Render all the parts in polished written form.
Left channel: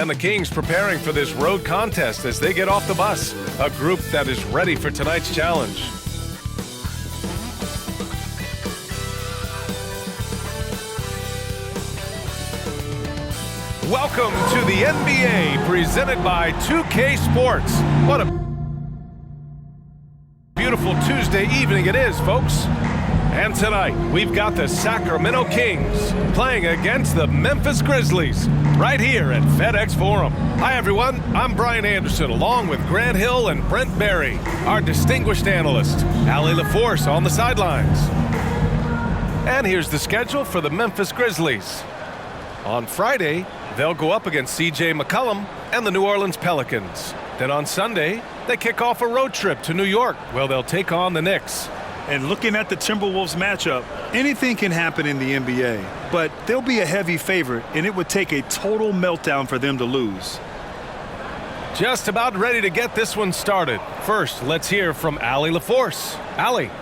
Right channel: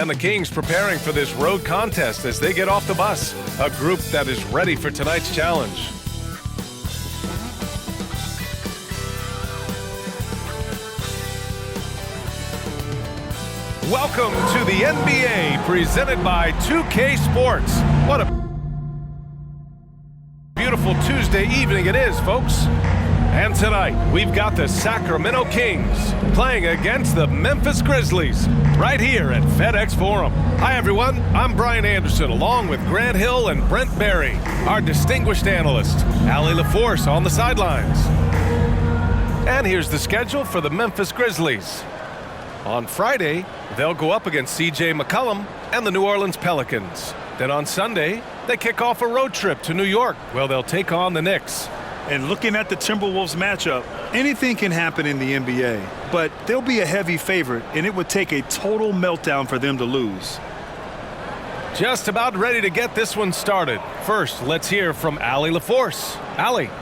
And the Kings preparing for this road contest as they get off the bus. A group that is ready for tonight's challenge. Welcome to the NBA, presented by 2K Sports. What a beautiful Tuesday evening it is, folks. And tonight, we've got the Sacramento Kings playing against the Memphis Grizzlies right here at FedEx Forum. Hi, everyone. I'm Brian Anderson, along with Grant Hill and Brent Berry, our distinguished analyst, Allie LaForce on the sidelines. And here's the schedule for the Memphis Grizzlies. On Friday, they'll go up against C.J. McCollum and the New Orleans Pelicans. Then on Sunday, they kick off a road trip to New York, where they'll take on the Knicks. And looking at the Timberwolves matchup, anything can happen in the NBA, but they'll be a heavy favorite, and it would take a total meltdown for them to lose. Just about ready to get this one started. First, let's hear from Allie LaForce. Allie.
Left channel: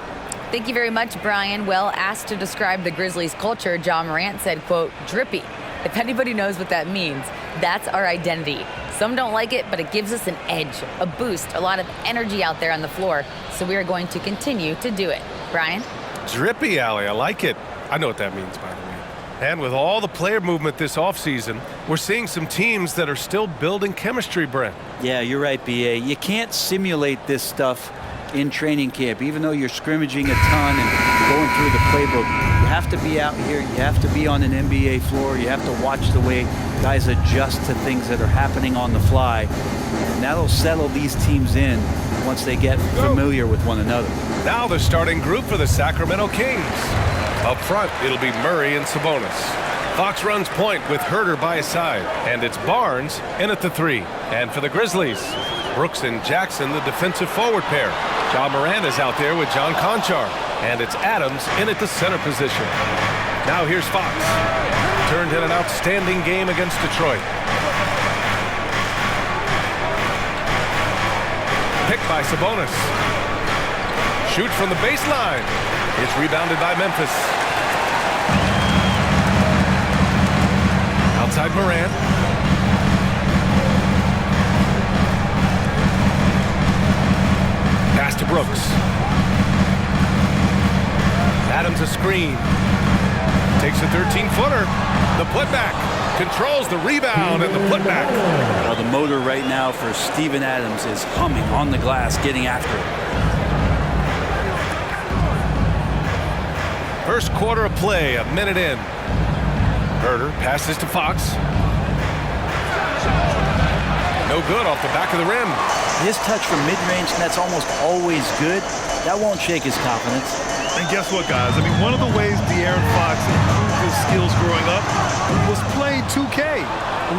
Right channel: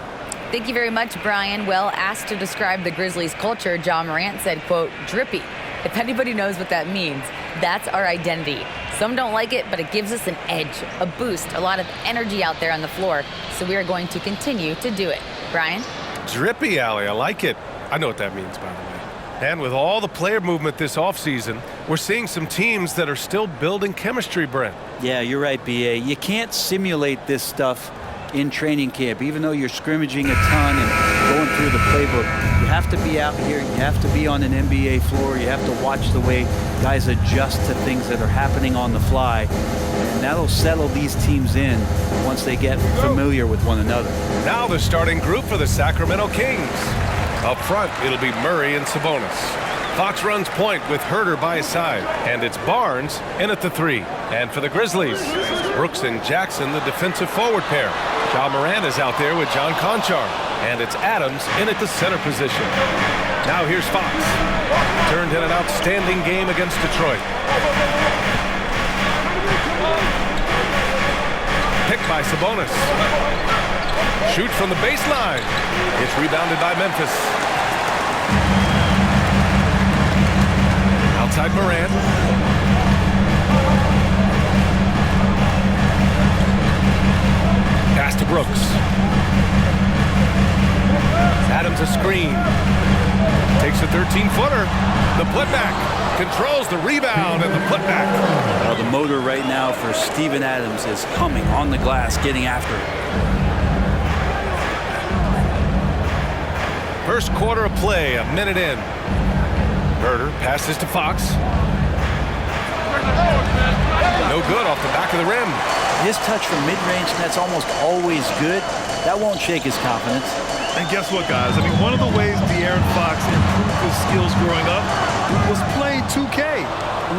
Thank you very much, Brian. Well, asked to describe the Grizzlies' culture, John Morant said, quote, drippy. If anybody knows what that means, that's our identity. Some don't like it, but it gives us an edge, a boost, a lot of energy out there on the floor. So we are going to continue to do it. Brian? Drippy, Allie. I like it. I know what that means, by the way. And with all the player movement this offseason, we're seeing some teams that are still building chemistry, Brent. Yeah, you're right, B.A. You can't simulate this stuff in training camp. Even though you're scrimmaging a ton and going through the playbook, you have to be out here. You have to be on an NBA floor. You have to watch the way guys adjust to things that are happening on the fly. And that'll settle these teams in once they get familiar with one another. Now the starting group for the Sacramento Kings. Up front, it'll be Murray and Sabonis. Fox runs point with Herter by his side, and it's Barnes in at the 3. And for the Grizzlies, Brooks and Jackson, the defensive forward pair. Ja Morant is out there with John Conchar, and it's Adams in at the center position. Now here's Fox. Turned in an outstanding game against Detroit. Picked by Sabonis. Shoots from the baseline. It's rebounded by Memphis. Outside Morant. Pass to Brooks. Adams a screen. Takes a 13-footer. The putback. Controls the rebound and the putback. Well, the motor right now for Steven Adams is humming on the glass, getting after it. First quarter of play, a minute in. Herter passes to Fox. No good off the back of the rim. His touch from mid-range, that's almost always good. That won't shake his confidence. And guess what, guys? I mean, one of the ways De'Aaron Fox improved his skills growing up was playing 2K,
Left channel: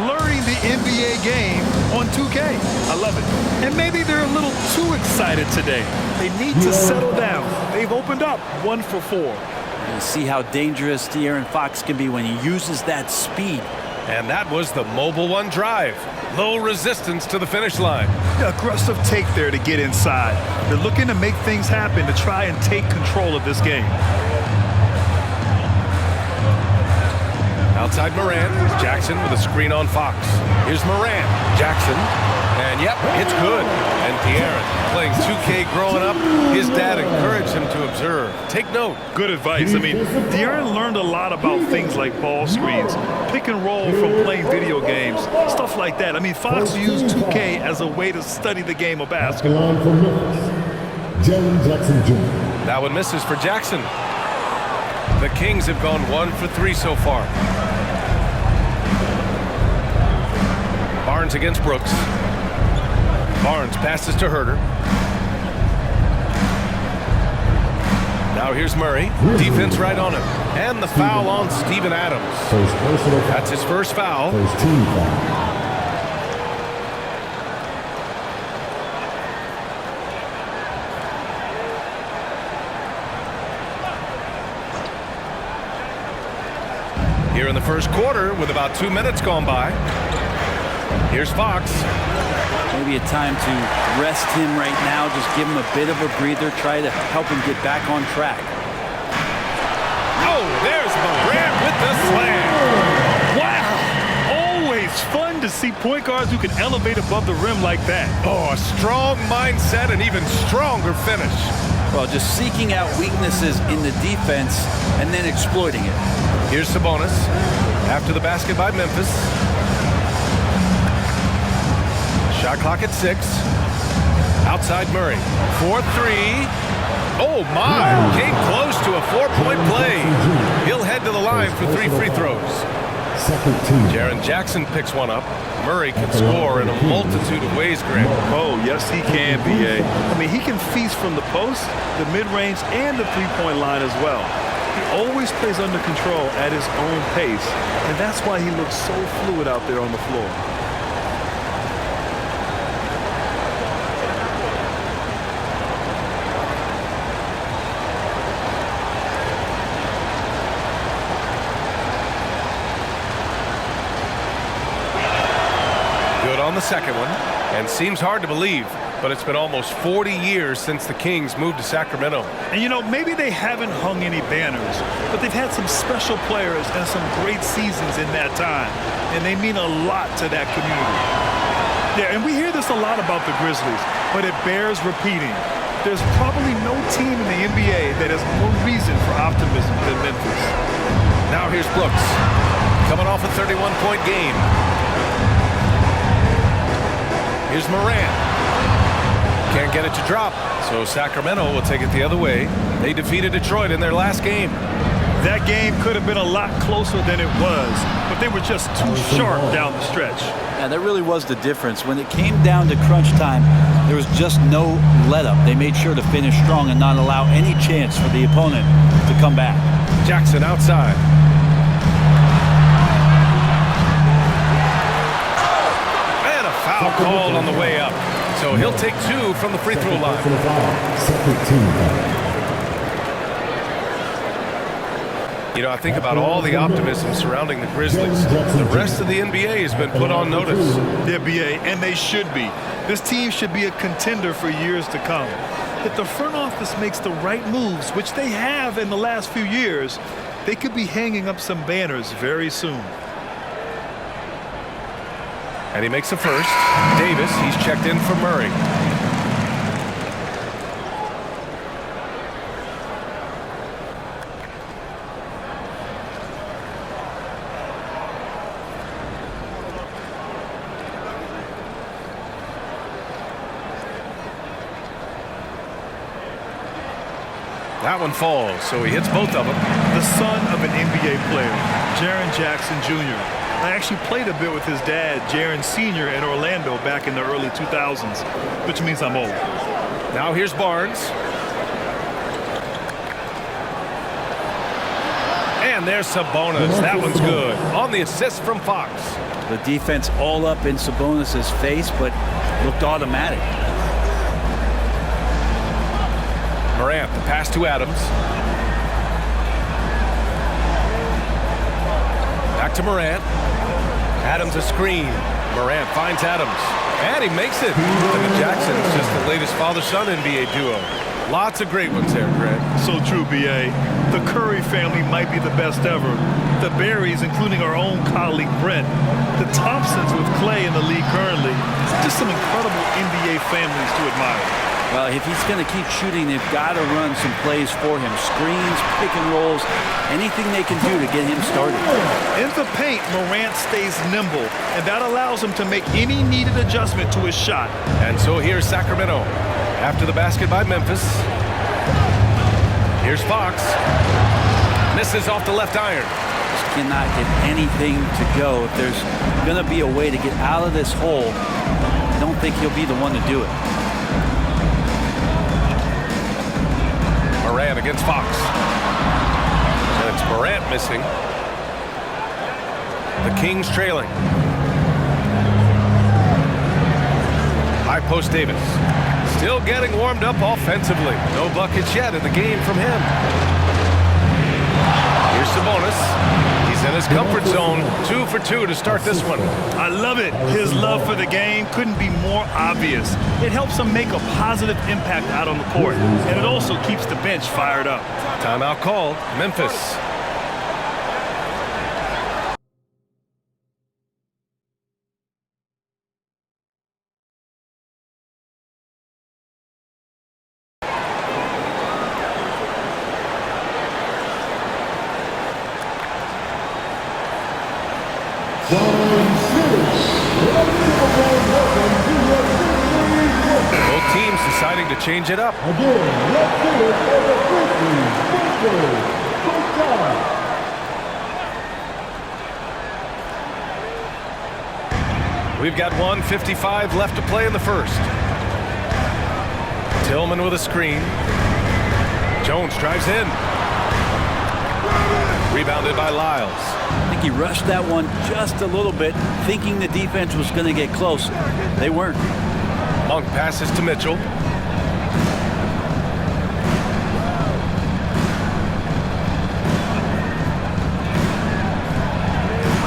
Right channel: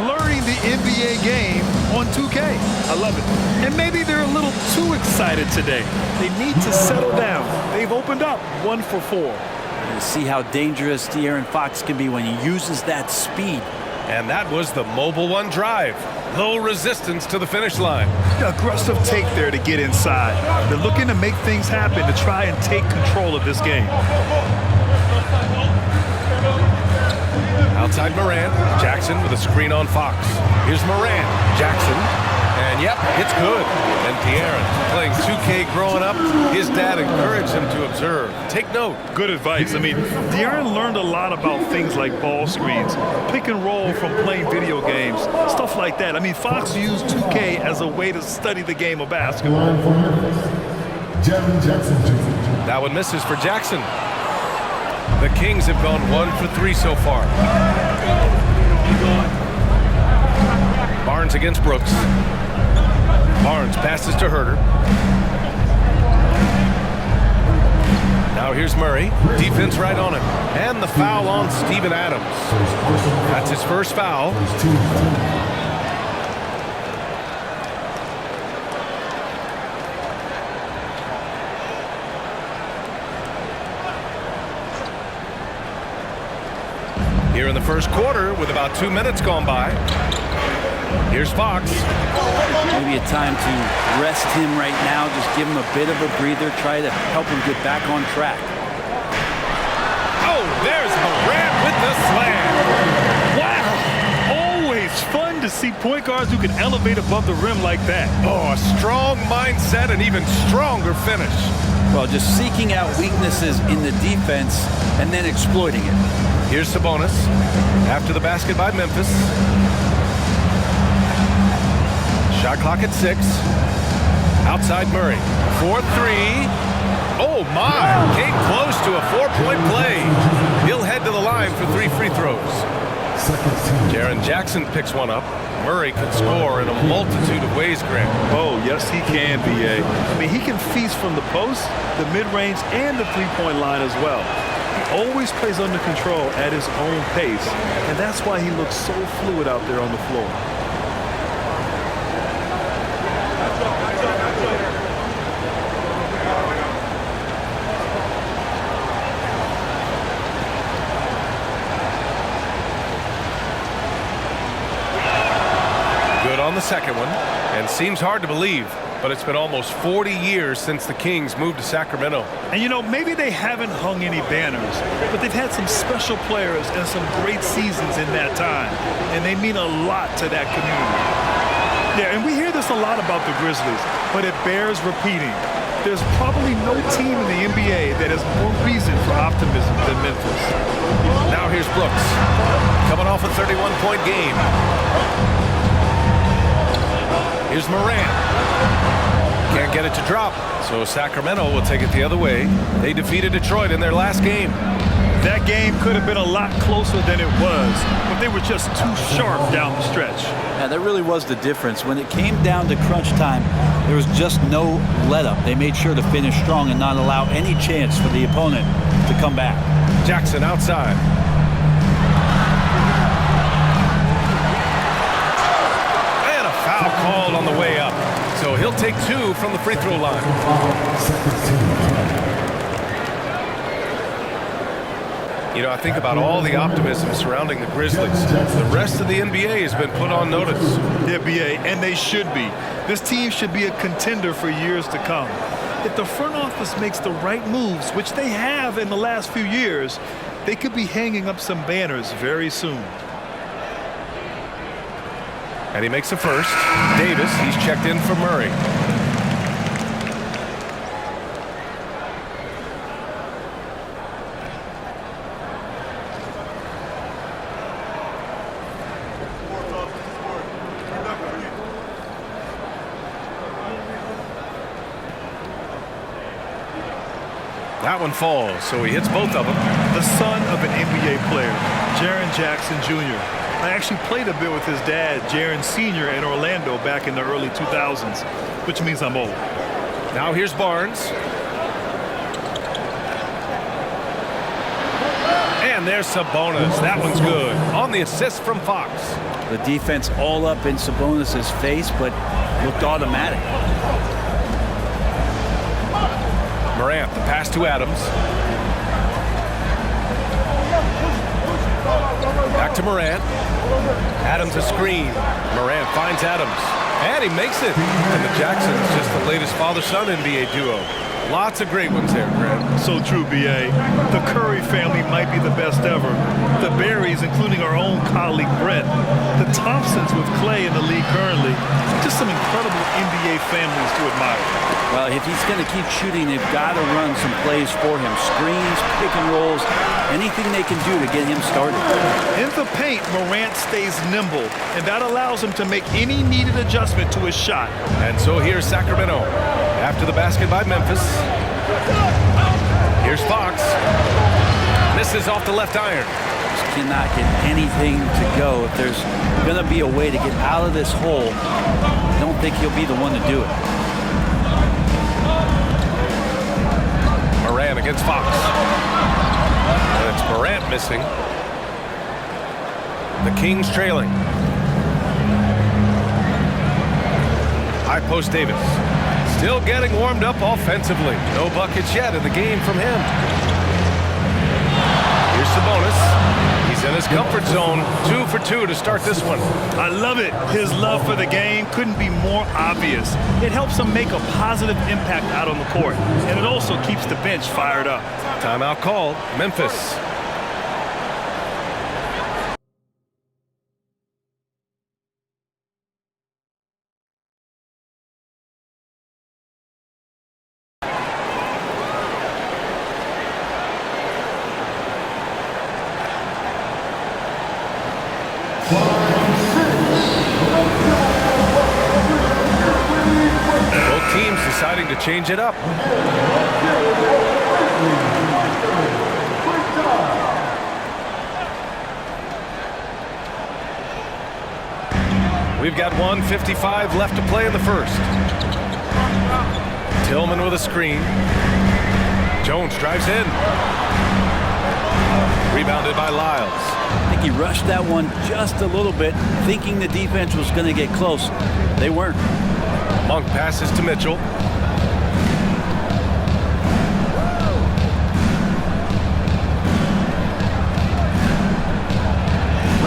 learning the NBA game on 2K. I love it. And maybe they're a little too excited today. They need to settle down. They've opened up 1 for 4. You see how dangerous De'Aaron Fox can be when he uses that speed. And that was the Mobile One drive. Low resistance to the finish line. Aggressive take there to get inside. They're looking to make things happen to try and take control of this game. Outside Morant, Jackson with a screen on Fox. Here's Morant, Jackson, and yep, it's good. And De'Aaron, playing 2K growing up, his dad encouraged him to observe. Take note. Good advice. I mean, De'Aaron learned a lot about things like ball screens, pick and roll from playing video games, stuff like that. I mean, Fox used 2K as a way to study the game of basketball. Line for Memphis, Jaren Jackson Jr. That one misses for Jackson. The Kings have gone 1 for 3 so far. Barnes against Brooks. Barnes passes to Herter. Now here's Murray. Defense right on him. And the foul on Steven Adams. That's his first foul. First team foul. Here in the first quarter with about 2 minutes gone by. Here's Fox. Maybe a time to rest him right now, just give him a bit of a breather, try to help him get back on track. Oh, there's Morant with the slam. Wow! it's fun to see point guards who can elevate above the rim like that. Oh, a strong mindset and even stronger finish. Well, just seeking out weaknesses in the defense and then exploiting it. Here's Sabonis. After the basket by Memphis. Shot clock at 6. Outside Murray. 4-3. Oh, my. Came close to a 4-point play. He'll head to the line for 3 free throws. Jaren Jackson picks one up. Murray can score in a multitude of ways, Grant. Oh, yes, he can, B.A. I mean, he can feast from the post, the mid-range, and the three-point line as well. He always plays under control at his own pace, and that's why he looks so fluid out there on the floor. Good on the second one, and seems hard to believe, but it's been almost 40 years since the Kings moved to Sacramento. And, you know, maybe they haven't hung any banners, but they've had some special players and some great seasons in that time, and they mean a lot to that community. Yeah, and we hear this a lot about the Grizzlies, but it bears repeating. There's probably no team in the NBA that has more reason for optimism than Memphis. Now here's Brooks, coming off a 31-point game. Here's Morant. Can't get it to drop, so Sacramento will take it the other way. They defeated Detroit in their last game. That game could have been a lot closer than it was, but they were just too sharp down the stretch. Yeah, that really was the difference. When it came down to crunch time, there was just no let-up. They made sure to finish strong and not allow any chance for the opponent to come back. Jackson outside. And a foul called on the way up. So he'll take 2 from the free throw line. You know, I think about all the optimism surrounding the Grizzlies. The rest of the NBA has been put on notice. Yeah, B.A., and they should be. This team should be a contender for years to come. If the front office makes the right moves, which they have in the last few years, they could be hanging up some banners very soon. And he makes the first. Davis, he's checked in for Murray. That one falls, so he hits both of them. The son of an NBA player, Jaren Jackson Jr. I actually played a bit with his dad, Jaren Sr. in Orlando back in the early 2000s, which means I'm old. Now here's Barnes. And there's Sabonis. That one's good. On the assist from Fox. The defense all up in Sabonis' face, but looked automatic. Morant, the pass to Adams. Back to Morant. Adams a screen. Morant finds Adams. And he makes it. And the Jacksons just the latest father-son NBA duo. Lots of great ones there, Grant. So true, B.A. The Curry family might be the best ever. The Berries, including our own colleague Brent. The Thompsons with Clay in the league currently. Just some incredible NBA families to admire. Well, if he's going to keep shooting, they've got to run some plays for him. Screens, pick and rolls, anything they can do to get him started. In the paint, Morant stays nimble, and that allows him to make any needed adjustment to his shot. And so here's Sacramento. After the basket by Memphis. Here's Fox. Misses off the left iron. Just cannot get anything to go. If there's going to be a way to get out of this hole, I don't think he'll be the one to do it. Morant against Fox. And it's Morant missing. The Kings trailing. High post Davis. Still getting warmed up offensively. No buckets yet in the game from him. Here's Sabonis. He's in his comfort zone. 2 for 2 to start this one. I love it. His love for the game couldn't be more obvious. It helps him make a positive impact out on the court, and it also keeps the bench fired up. Timeout called. Memphis. teams deciding to change it up. Again, let's do it for the Grizzlies. Great job. We've got 1:55 left to play in the first. Tillman with a screen. Jones drives in. Rebounded by Lyles. I think he rushed that one just a little bit, thinking the defense was going to get close. They weren't. Monk passes to Mitchell.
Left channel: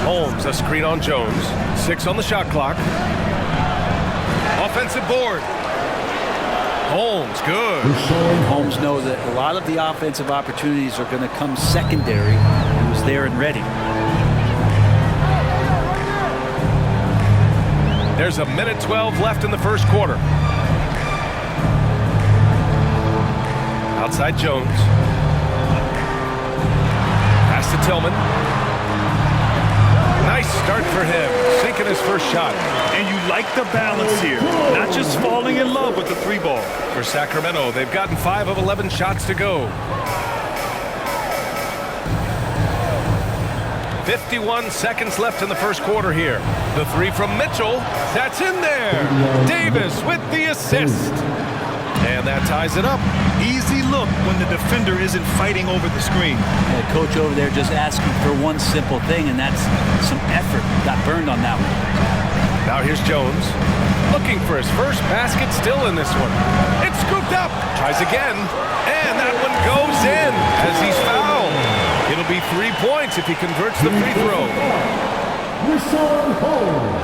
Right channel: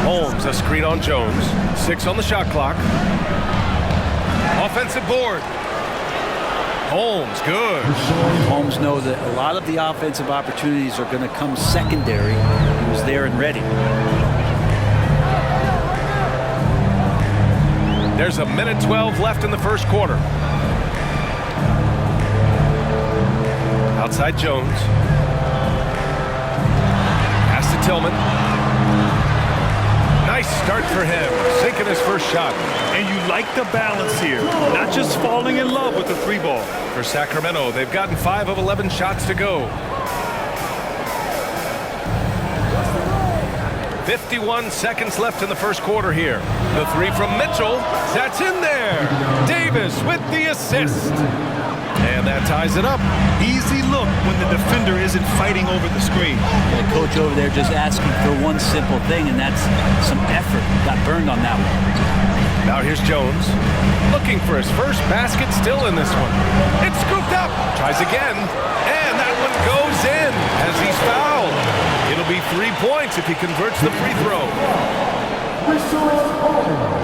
Holmes, a screen on Jones. 6 on the shot clock. Offensive board. Holmes, good. And Holmes knows that a lot of the offensive opportunities are going to come secondary. He was there and ready. There's a minute 12 left in the first quarter. Outside Jones. Pass to Tillman. Nice start for him, sinking his first shot. And you like the balance here, not just falling in love with the 3 ball. For Sacramento, they've gotten 5 of 11 shots to go. 51 seconds left in the first quarter here. The 3 from Mitchell, that's in there. Davis with the assist. And that ties it up. Easy look when the defender isn't fighting over the screen. And the coach over there just asking for one simple thing, and that's some effort. Got burned on that one. Now here's Jones, looking for his first basket, still in this one. It's scooped up, tries again, and that one goes in as he's fouled. It'll be 3 points if he converts the free throw. Rashawn Holmes.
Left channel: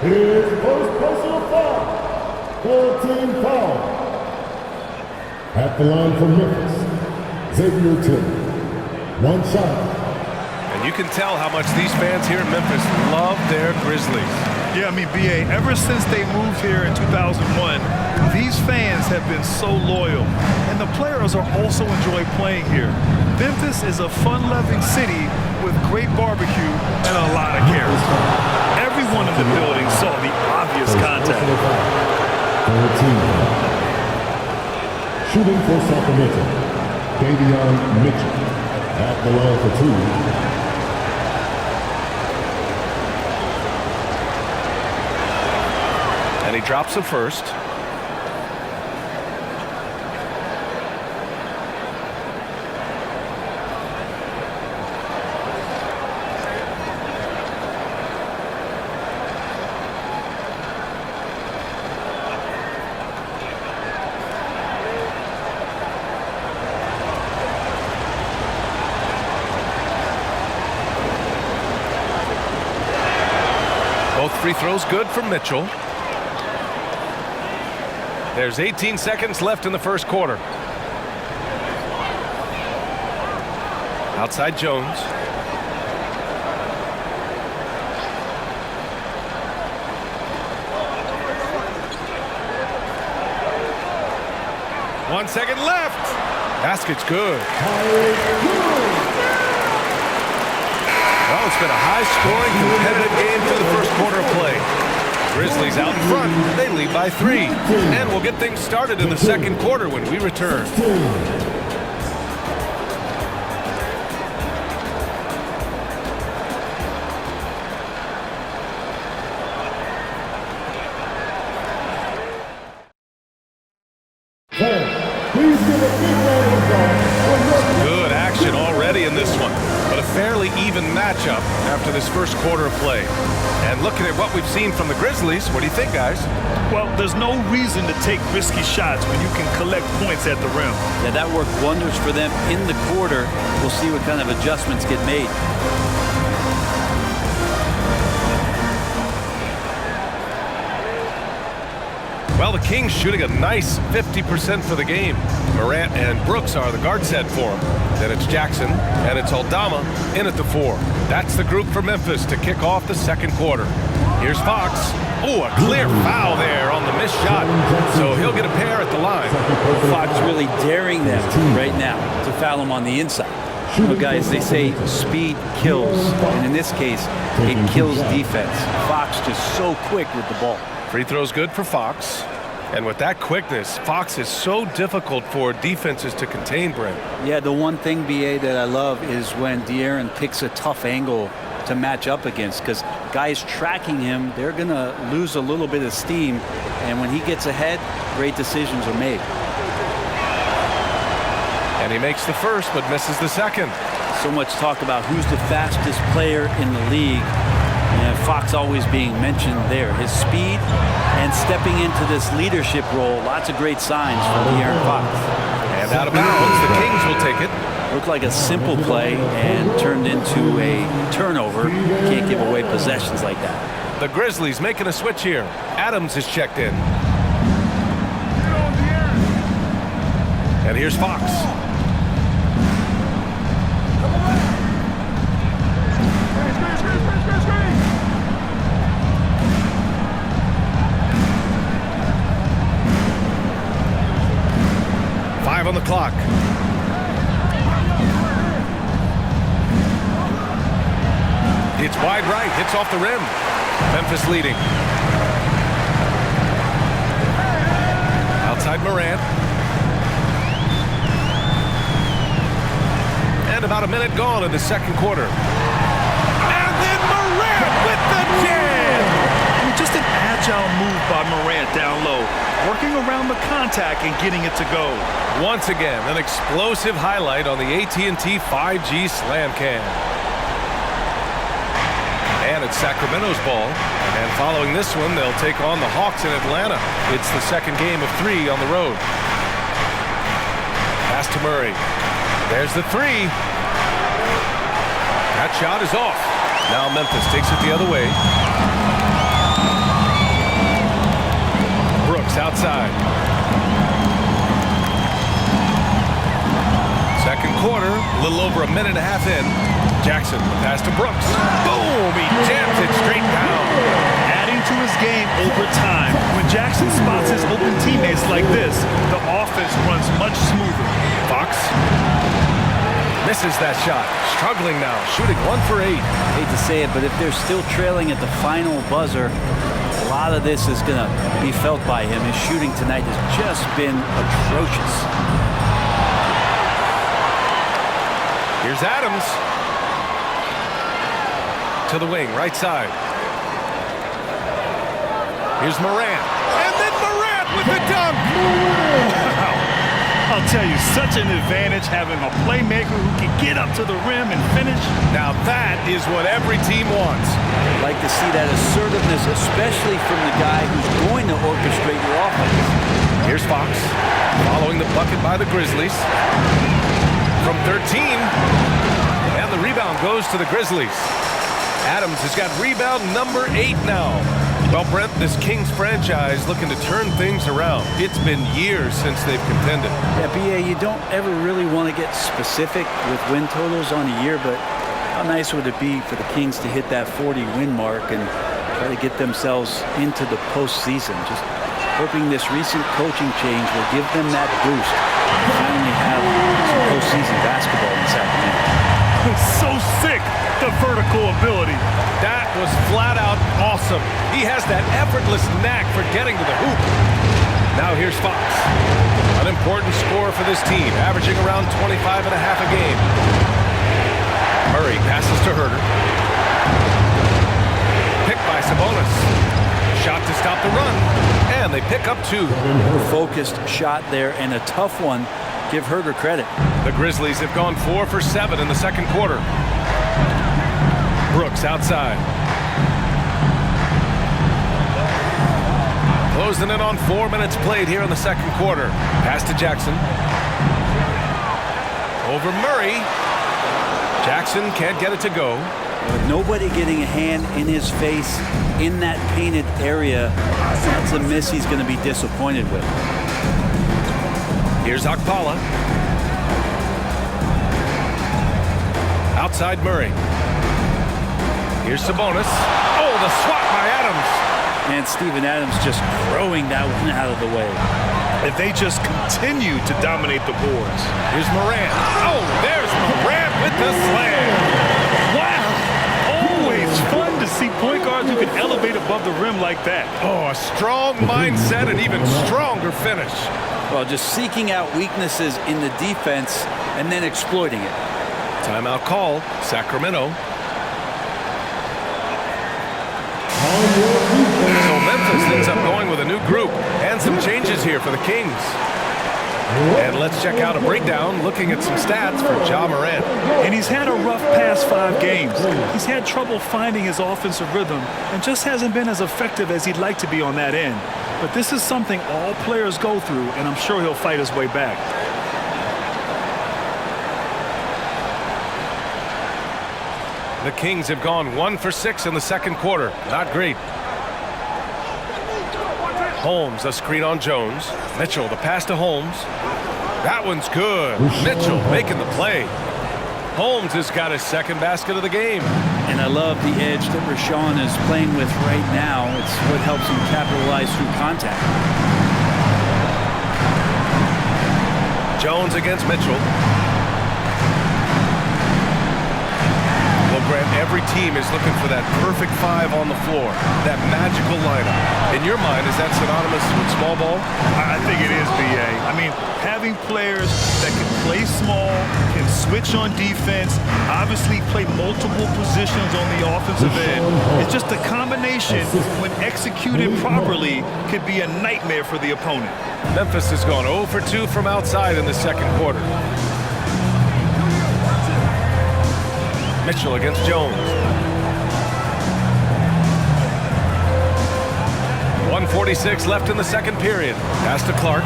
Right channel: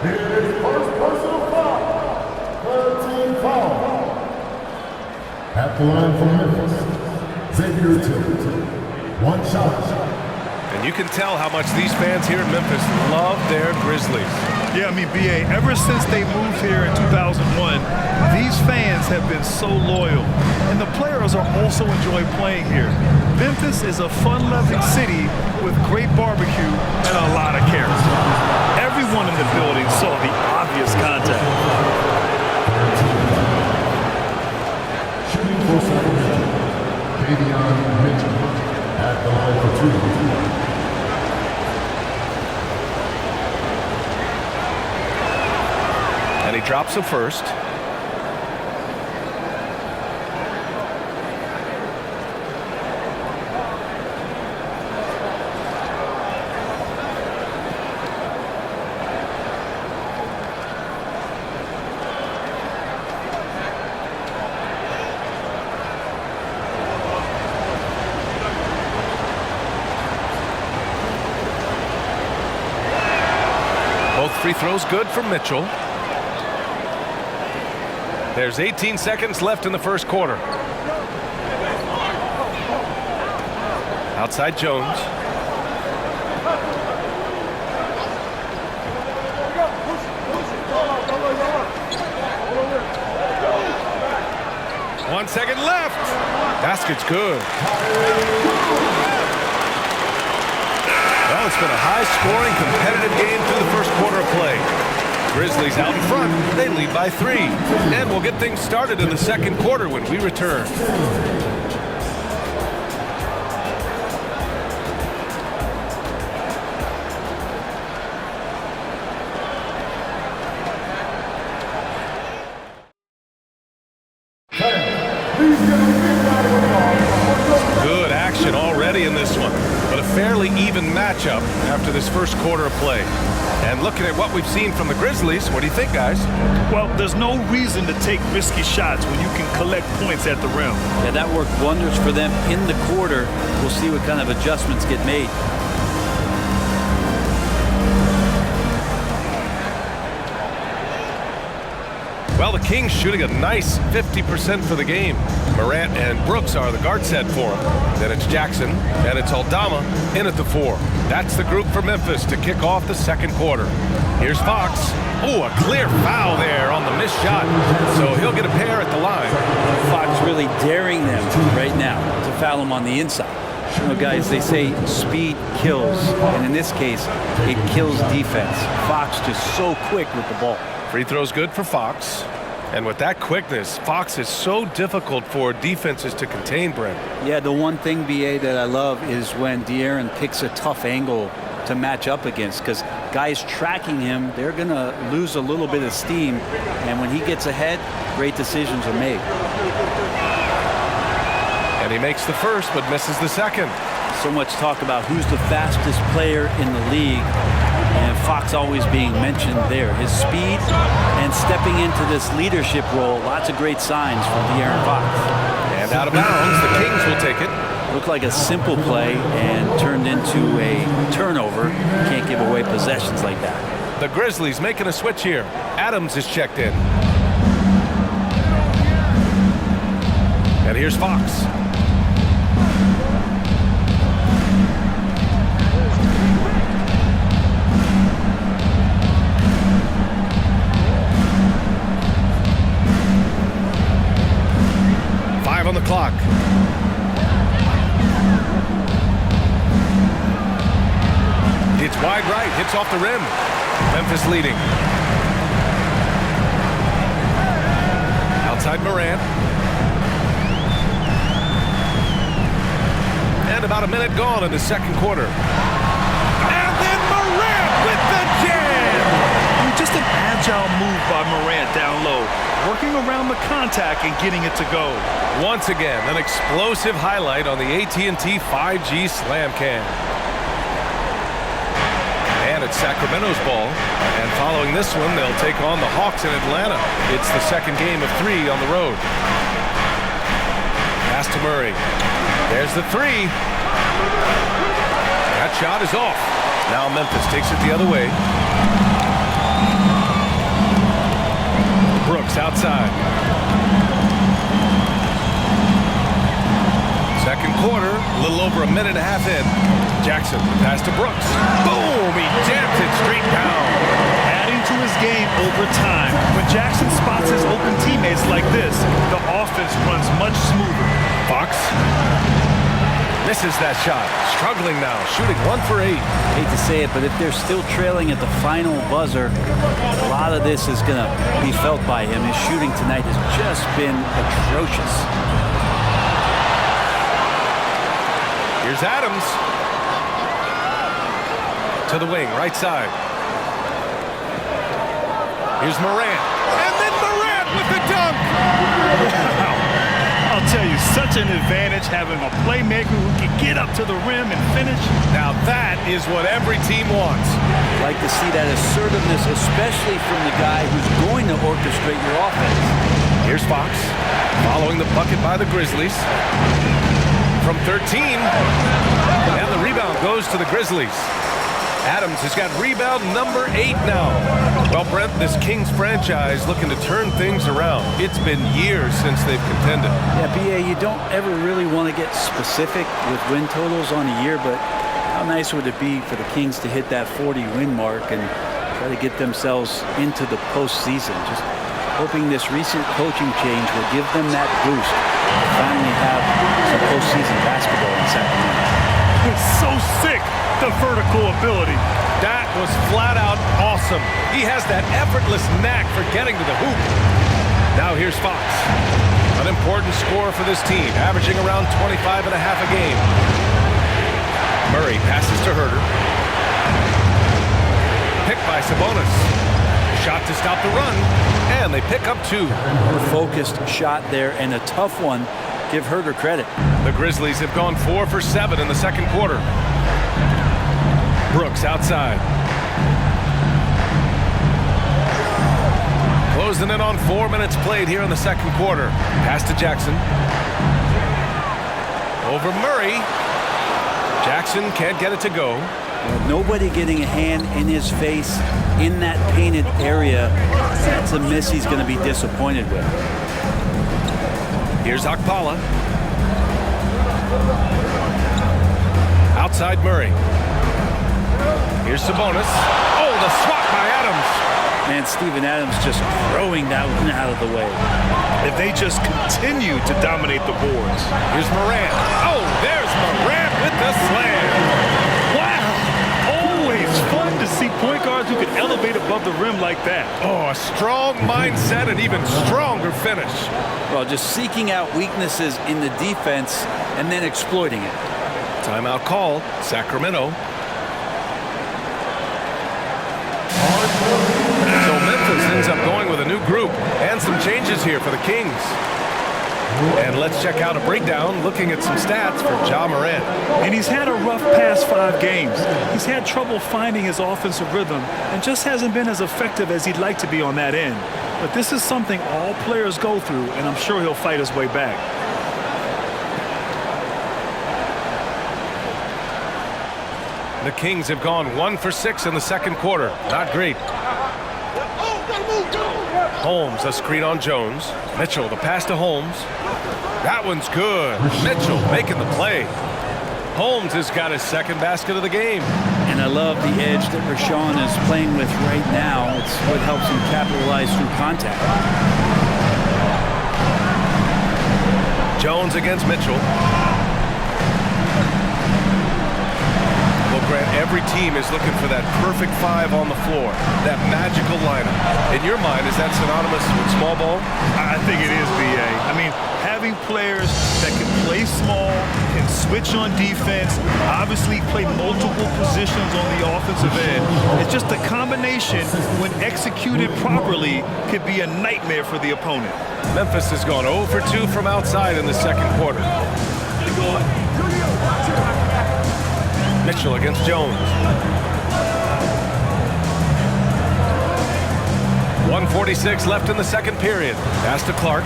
His first personal foul. 13 foul. At the line from Memphis, Xavier Tillman. 1 shot. And you can tell how much these fans here in Memphis love their Grizzlies. Yeah, I mean, B.A., ever since they moved here in 2001, these fans have been so loyal. And the players are also enjoy playing here. Memphis is a fun-loving city with great barbecue and a lot of character. Everyone in the building saw the obvious contact. 13 foul. Shooting for Sacramento, Davion Mitchell. At the line for 2. And he drops the first. Both free throws good for Mitchell. There's 18 seconds left in the first quarter. Outside Jones. One second left. Basket's good. Well, it's been a high-scoring, competitive game through the first quarter of play. Grizzlies out in front. They lead by 3. And we'll get things started in the second quarter when we return. Please give a big round of applause. Good action already in this one, but a fairly even matchup after this first quarter of play. And looking at what we've seen from the Grizzlies, what do you think, guys? Well, there's no reason to take risky shots when you can collect points at the rim. Yeah, that worked wonders for them in the quarter. We'll see what kind of adjustments get made. Well, the Kings shooting a nice 50% for the game. Morant and Brooks are the guard set for him. Then it's Jackson, and it's Aldama in at the 4. That's the group for Memphis to kick off the second quarter. Here's Fox. Oh, a clear foul there on the missed shot. So he'll get a pair at the line. Fox really daring them right now to foul him on the inside. You know, guys, they say speed kills, and in this case, it kills defense. Fox just so quick with the ball. Free throw's good for Fox. And with that quickness, Fox is so difficult for defenses to contain, Brent. Yeah, the one thing, BA, that I love is when De'Aaron picks a tough angle to match up against, because guys tracking him, they're going to lose a little bit of steam. And when he gets ahead, great decisions are made. And he makes the first, but misses the second. So much talk about who's the fastest player in the league. And Fox always being mentioned there. His speed and stepping into this leadership role, lots of great signs from De'Aaron Fox. And out of bounds, the Kings will take it. Looked like a simple play and turned into a turnover. Can't give away possessions like that. The Grizzlies making a switch here. Adams is checked in. And here's Fox. On the clock. It's wide right, hits off the rim. Memphis leading. Outside Morant. And about a minute gone in the second quarter. And then Morant with the jam! I mean, just an agile move by Morant down low, working around the contact and getting it to go. Once again, an explosive highlight on the AT&T 5G Slam Cam. And it's Sacramento's ball. And following this one, they'll take on the Hawks in Atlanta. It's the second game of 3 on the road. Pass to Murray. There's the 3. That shot is off. Now Memphis takes it the other way. Brooks outside. Second quarter, a little over a minute and a half in. Jackson, the pass to Brooks. Boom! He jams it straight down. Adding to his game over time. When Jackson spots his open teammates like this, the offense runs much smoother. Fox misses that shot. Struggling now, shooting 1 for 8. Hate to say it, but if they're still trailing at the final buzzer, a lot of this is going to be felt by him. His shooting tonight has just been atrocious. Here's Adams. To the wing, right side. Here's Morant. And then Morant with the dunk. Wow. I'll tell you, such an advantage having a playmaker who can get up to the rim and finish. Now that is what every team wants. Like to see that assertiveness, especially from the guy who's going to orchestrate your offense. Here's Fox, following the bucket by the Grizzlies. From 13, and the rebound goes to the Grizzlies. Adams has got rebound number 8 now. Well, Brent, this Kings franchise looking to turn things around. It's been years since they've contended. Yeah, BA, you don't ever really want to get specific with win totals on a year, but how nice would it be for the Kings to hit that 40-win mark and try to get themselves into the postseason? Just hoping this recent coaching change will give them that boost to finally have some postseason basketball in Sacramento. It's so sick, the vertical ability. That was flat out awesome. He has that effortless knack for getting to the hoop. Now here's Fox. An important scorer for this team, averaging around 25 and a half a game. Murray passes to Herter. Picked by Sabonis. Shot to stop the run, and they pick up 2. A focused shot there and a tough one. Give Herter credit. The Grizzlies have gone 4 for 7 in the second quarter. Brooks outside. Closing in on 4 minutes played here in the second quarter. Pass to Jackson. Over Murray. Jackson can't get it to go. Nobody getting a hand in his face in that painted area. That's a miss he's going to be disappointed with. Here's Okpala. Outside Murray. Here's Sabonis. Oh, the swat by Adams. And Steven Adams just throwing that one out of the way. If they just continue to dominate the boards. Here's Morant. Oh, there's Morant with the slam. Wow! Always It's fun to see point guards who can elevate above the rim like that. Oh, a strong mindset and even stronger finish. Well, just seeking out weaknesses in the defense and then exploiting it. Timeout call, Sacramento. So Memphis ends up going with a new group and some changes here for the Kings. And let's check out a breakdown looking at some stats for Ja Morant. And he's had a rough past 5 games. He's had trouble finding his offensive rhythm and just hasn't been as effective as he'd like to be on that end. But this is something all players go through, and I'm sure he'll fight his way back. The Kings have gone 1 for 6 in the second quarter. Not great. Holmes, a screen on Jones. Mitchell, the pass to Holmes. That one's good. Mitchell making the play. Holmes has got his second basket of the game. And I love the edge that Rashawn is playing with right now. It's what helps him capitalize through contact. Jones against Mitchell. Well, Grant, every team is looking for that perfect 5 on the floor, that magical lineup. In your mind, is that synonymous with small ball? I think it is, B.A. I mean, having players that can play small, can switch on defense, obviously play multiple positions on the offensive end. It's just a combination, when executed properly, could be a nightmare for the opponent. Memphis has gone 0 for 2 from outside in the second quarter. Mitchell against Jones. 1:46 left in the second period. Pass to Clark.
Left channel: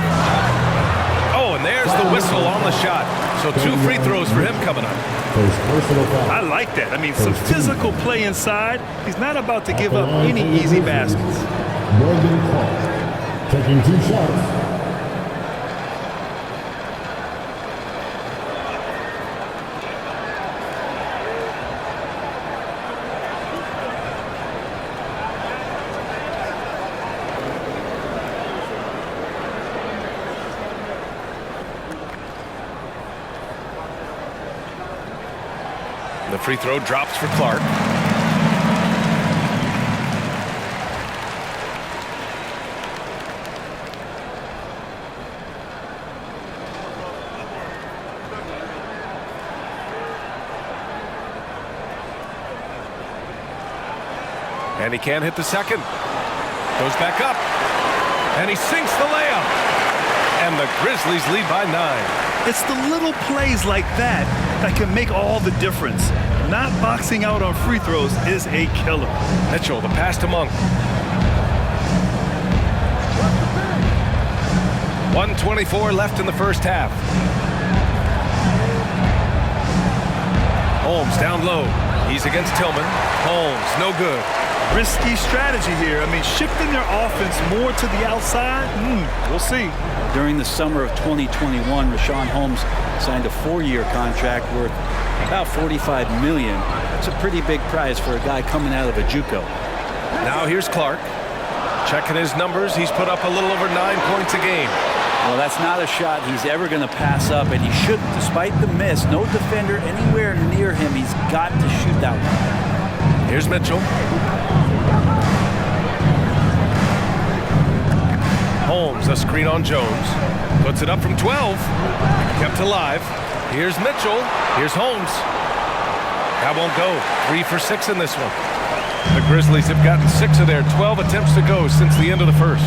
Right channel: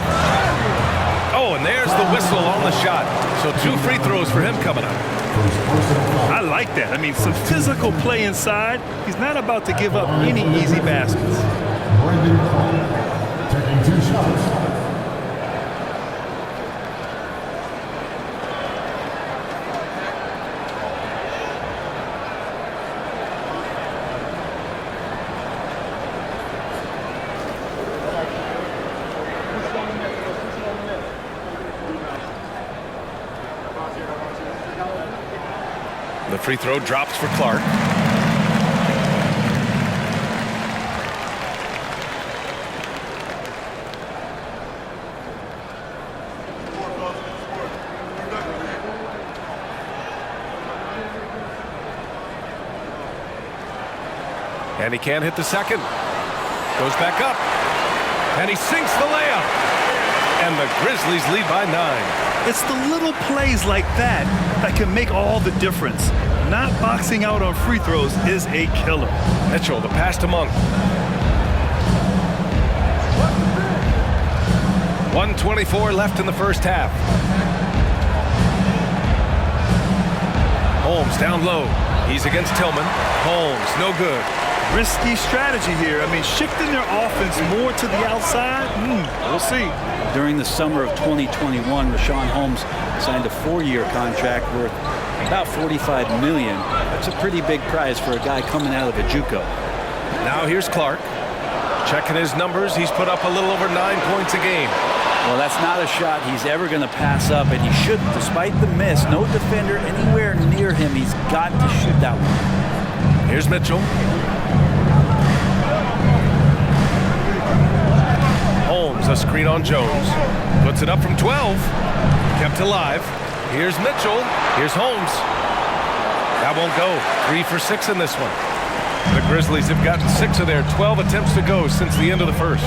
Oh, and there's the whistle on the shot. So 2 free throws for him coming up. I like that. I mean, some physical play inside. He's not about to give up any easy baskets. Brandon Clark taking 2 shots. The free throw drops for Clark. And he can't hit the second. Goes back up. And he sinks the layup. And the Grizzlies lead by 9. It's the little plays like that that can make all the difference. Not boxing out on free throws is a killer. Mitchell, the pass to Monk. 1:24 left in the first half. Holmes down low. He's against Tillman. Holmes, no good. Risky strategy here. I mean, shifting their offense more to the outside, we'll see. During the summer of 2021, Rashawn Holmes signed a 4-year contract worth about $45 million. That's a pretty big prize for a guy coming out of a JUCO. Now here's Clark. Checking his numbers, he's put up a little over 9 points a game. Well, that's not a shot he's ever going to pass up, and he shouldn't. Despite the miss, no defender anywhere near him. He's got to shoot that one. Here's Mitchell. Holmes, a screen on Jones. Puts it up from 12. Kept alive. Here's Mitchell. Here's Holmes. That won't go. 3 for 6 in this one. The Grizzlies have gotten 6 of their 12 attempts to go since the end of the first.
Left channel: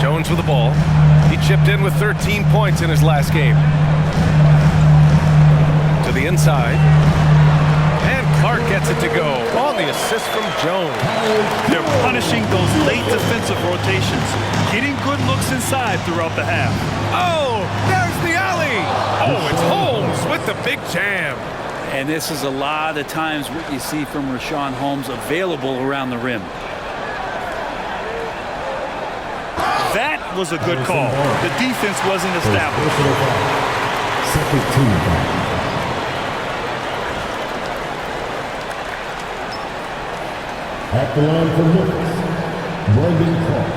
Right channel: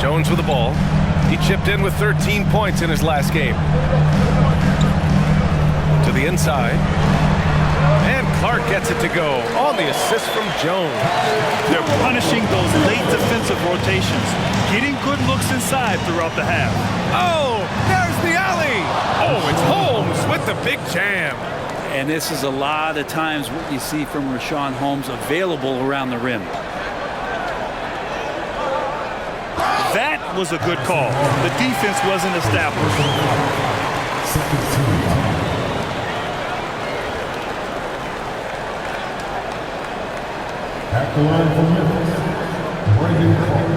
Jones with the ball. He chipped in with 13 points in his last game. To the inside. And Clark gets it to go on the assist from Jones. They're punishing those late defensive rotations, getting good looks inside throughout the half. Oh, there's the alley. Oh, it's Holmes with the big jam. And this is a lot of times what you see from Rashawn Holmes available around the rim. That was a good call. The defense wasn't established. Second team foul. At the line for Memphis, Brandon Clark.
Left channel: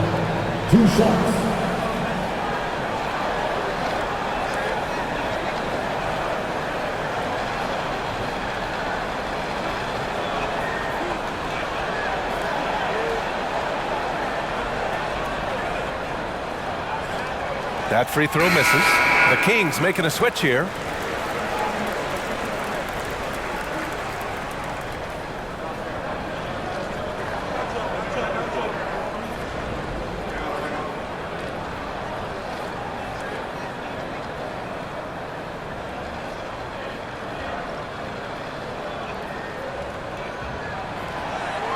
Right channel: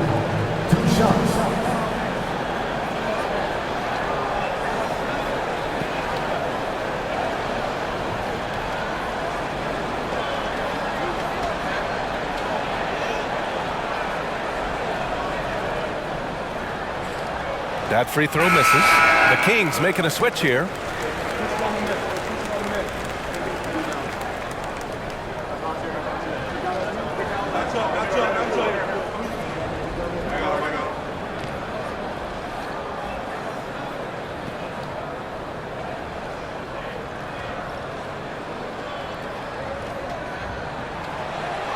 2 shots. That free throw misses. The Kings making a switch here.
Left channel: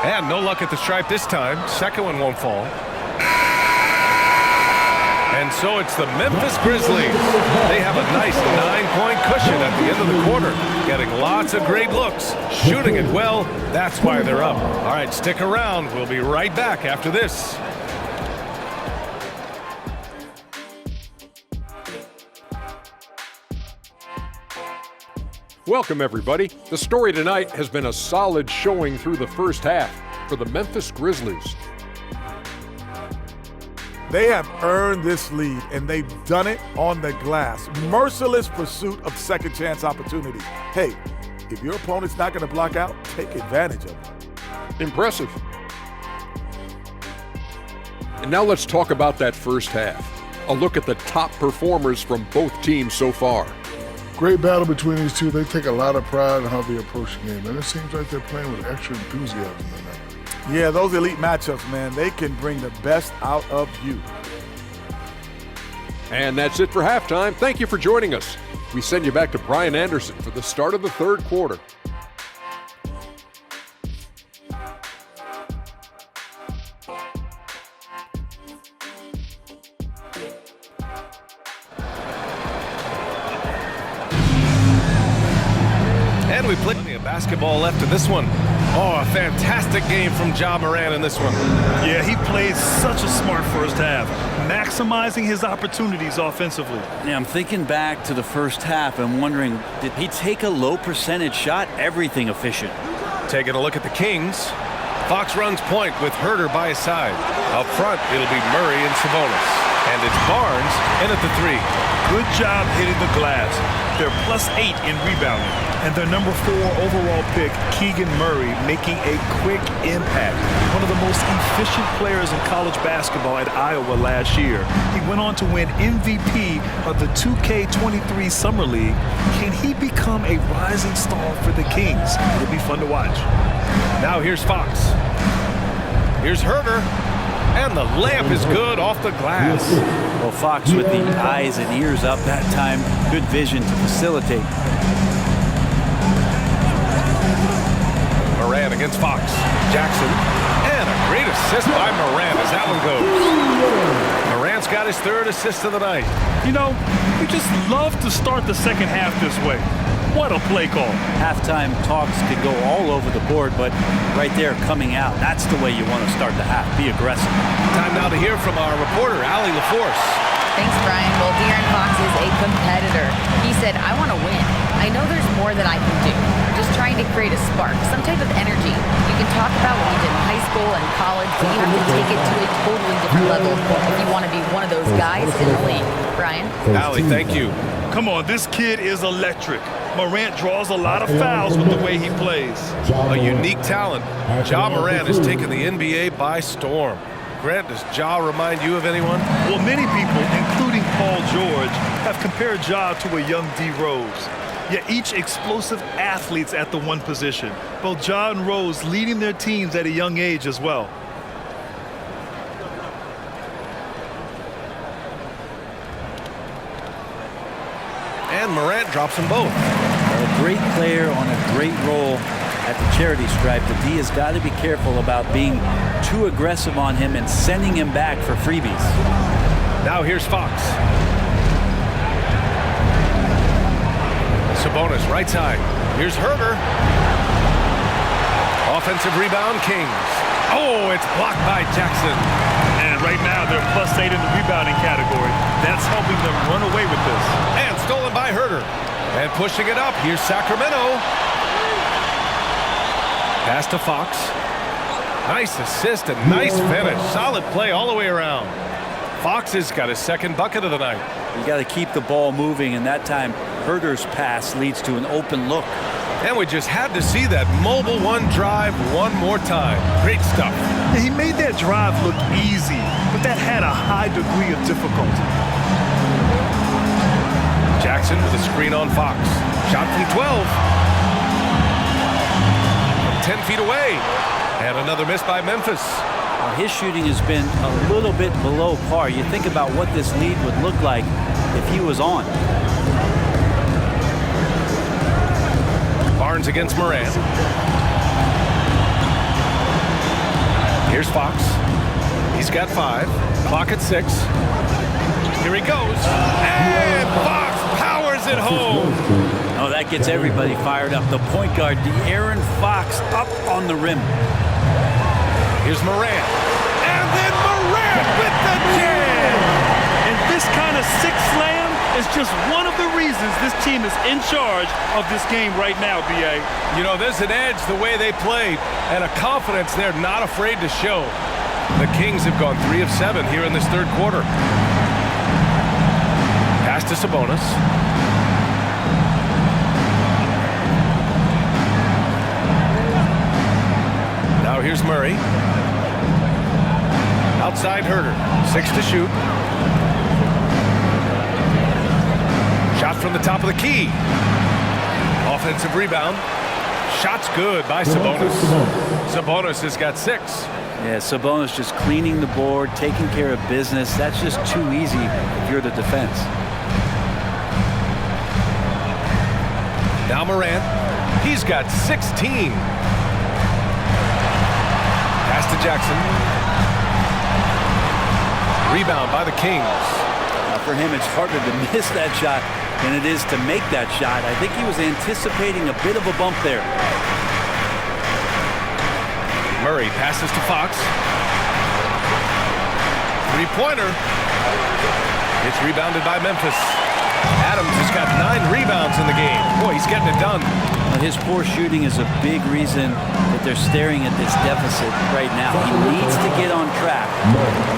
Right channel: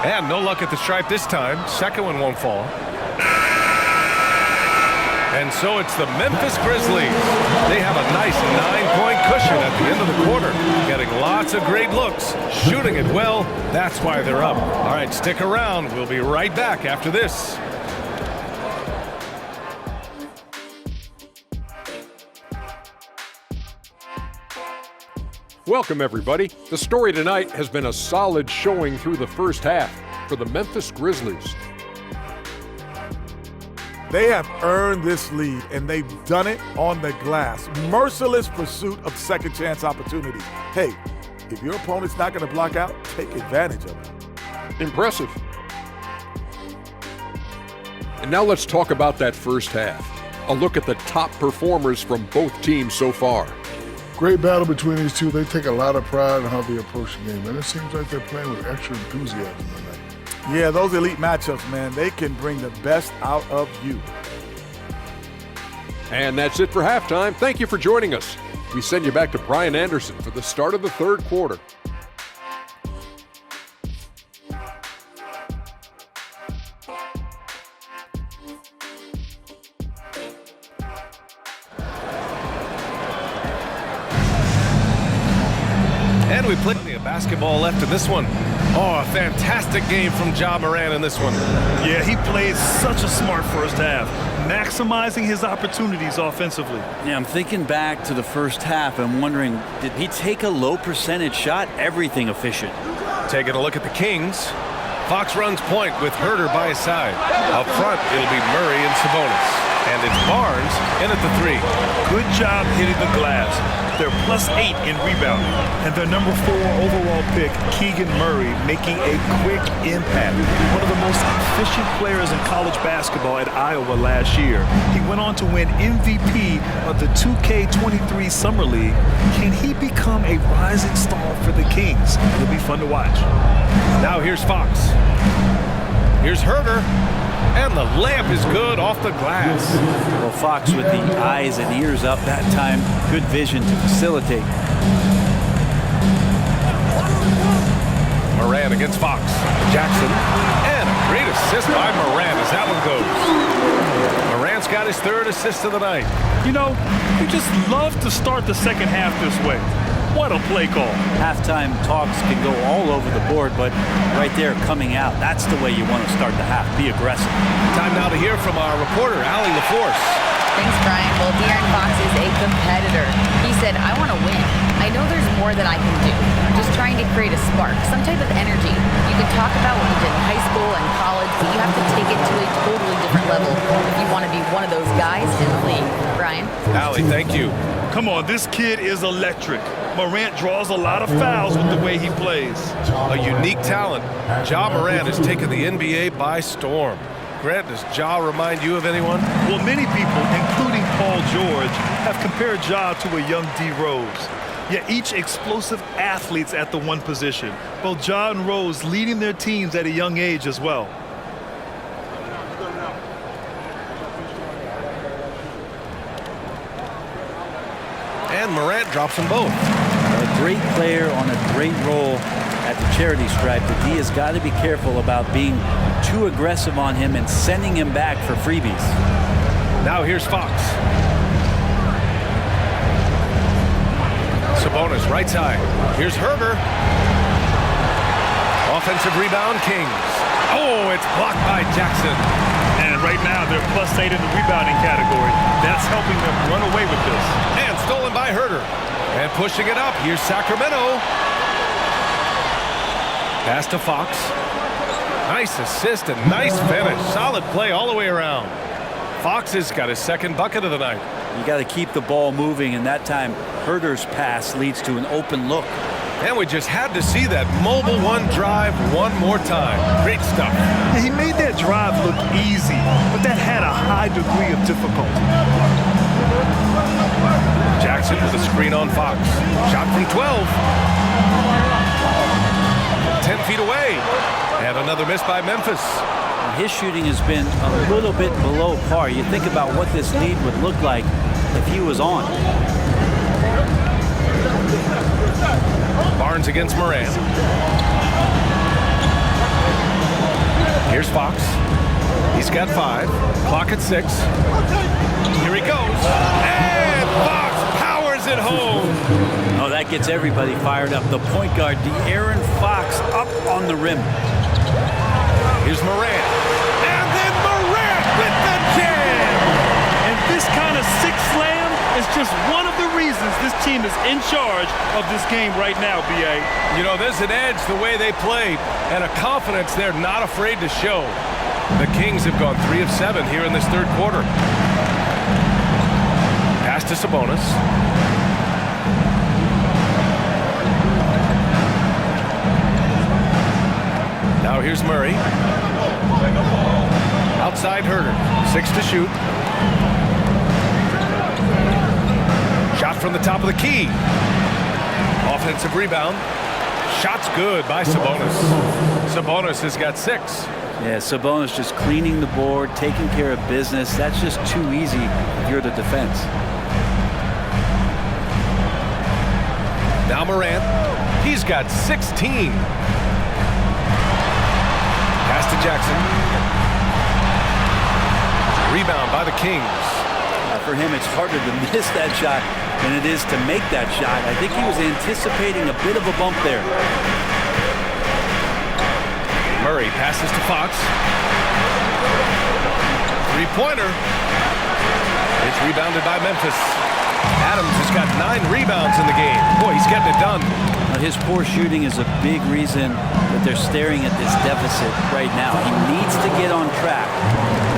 And no luck at the stripe this time. Second one won't fall. And so it's the Memphis Grizzlies. They have a nice 9-point cushion at the end of the quarter. Getting lots of great looks. Shooting it well. That's why they're up. All right, stick around. We'll be right back after this. Welcome, everybody. The story tonight has been a solid showing through the first half for the Memphis Grizzlies. They have earned this lead, and they've done it on the glass. Merciless pursuit of second chance opportunities. Hey, if your opponent's not going to block out, take advantage of it. Impressive. And now let's talk about that first half. A look at the top performers from both teams so far. Great battle between these two. They take a lot of pride in how they approach the game, and it seems like they're playing with extra enthusiasm tonight. Yeah, those elite matchups, man, they can bring the best out of you. And that's it for halftime. Thank you for joining us. We send you back to Brian Anderson for the start of the third quarter. And we play plenty of basketball left in this one. Oh, a fantastic game from Ja Morant in this one. Yeah, he played such a smart first half, maximizing his opportunities offensively. Yeah, I'm thinking back to the first half and wondering, did he take a low percentage shot? Everything efficient. Taking a look at the Kings. Fox runs point with Herter by his side. Up front, it'll be Murray and Sabonis. And it's Barnes in at the three. Good job hitting the glass. They're +8 in rebounding. And their number 4 overall pick, Keegan Murray, making a quick impact. One of the most efficient players in college basketball at Iowa last year. He went on to win MVP of the 2K23 Summer League. Can he become a rising star for the Kings? It'll be fun to watch. Now here's Fox. Here's Herter. And the layup is good off the glass. Well, Fox with the eyes and ears up that time. Good vision to facilitate. Morant against Fox. Jackson. And a great assist by Morant as that one goes. Morant's got his third assist of the night. You know, you just love to start the second half this way. What a play call. Halftime talks can go all over the board, but right there coming out, that's the way you want to start the half. Be aggressive. Time now to hear from our reporter, Allie LaForce. Thanks, Brian. Well, De'Aaron Fox is a competitor. He said, I want to win. I know there's more that I can do. I'm just trying to create a spark, some type of energy. You can talk about what you did in high school and college, but you have to take it to a totally different level if you want to be one of those guys in the league. Brian? Allie, thank you. Come on, this kid is electric. Morant draws a lot of fouls with the way he plays. A unique talent. Ja Morant has taken the NBA by storm. Grant, does Ja remind you of anyone? Well, many people, including Paul George, have compared Ja to a young D. Rose. Yet each explosive athletes at the one position. Both Ja and Rose leading their teams at a young age as well. And Morant drops them both. A great player on a great role at the charity stripe. The D has got to be careful about being too aggressive on him and sending him back for freebies. Now here's Fox. Sabonis right side. Here's Herter. Offensive rebound, Kings. Oh, it's blocked by Jackson. And right now they're +8 in the rebounding category. That's helping them run away with this. And stolen by Herter. And pushing it up, here's Sacramento. Pass to Fox. Nice assist and nice finish. Solid play all the way around. Fox has got his second bucket of the night. You got to keep the ball moving, and that time Herter's pass leads to an open look. And we just had to see that mobile one drive one more time. Great stuff. He made that drive look easy, but that had a high degree of difficulty. Jackson with a screen on Fox. Shot from 12. From 10 feet away. And another miss by Memphis. Well, his shooting has been a little bit below par. You think about what this lead would look like if he was on. Barnes against Moran. Here's Fox. He's got 5. Clock at 6. Here he goes. And Fox powers it home. Oh, that gets everybody fired up. The point guard, De'Aaron Fox, up on the rim. Here's Moran. And then Moran with the jam. And this kind of six slam is just one of the reasons this team is in charge of this game right now, B.A. You know, there's an edge the way they play and a confidence they're not afraid to show. The Kings have gone 3 of 7 here in this third quarter. Pass to Sabonis. Now here's Murray. Outside Herter. 6 to shoot. Shot from the top of the key. Offensive rebound. Shot's good by Sabonis. Sabonis has got 6. Yeah, Sabonis just cleaning the board, taking care of business. That's just too easy if you're the defense. Now Morant. He's got 16. Pass to Jackson. Rebound by the Kings. For him, it's harder to miss that shot than it is to make that shot. I think he was anticipating a bit of a bump there. Murray passes to Fox. Three-pointer. It's rebounded by Memphis. Adams has got 9 rebounds in the game. Boy, he's getting it done. His poor shooting is a big reason that they're staring at this deficit right now. He needs to get on track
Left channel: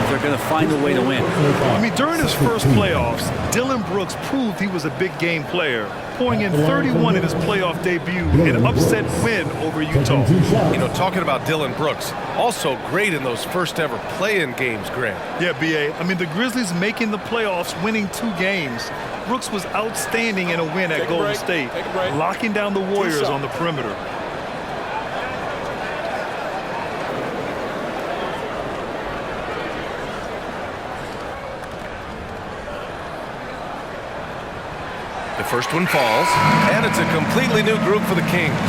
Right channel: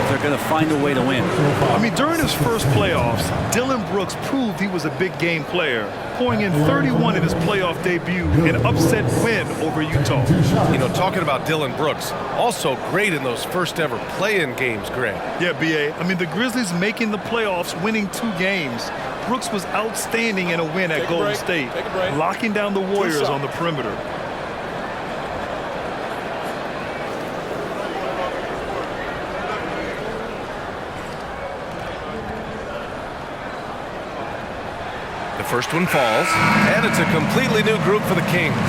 if they're going to find a way to win. I mean, during his first playoffs, Dillon Brooks proved he was a big game player, pouring in 31 in his playoff debut, an upset win over Utah. You know, talking about Dillon Brooks, also great in those first ever play-in games, Grant. Yeah, B.A. I mean, the Grizzlies making the playoffs, winning 2 games. Brooks was outstanding in a win at Golden State, locking down the Warriors on the perimeter. The first one falls, and it's a completely new group for the Kings.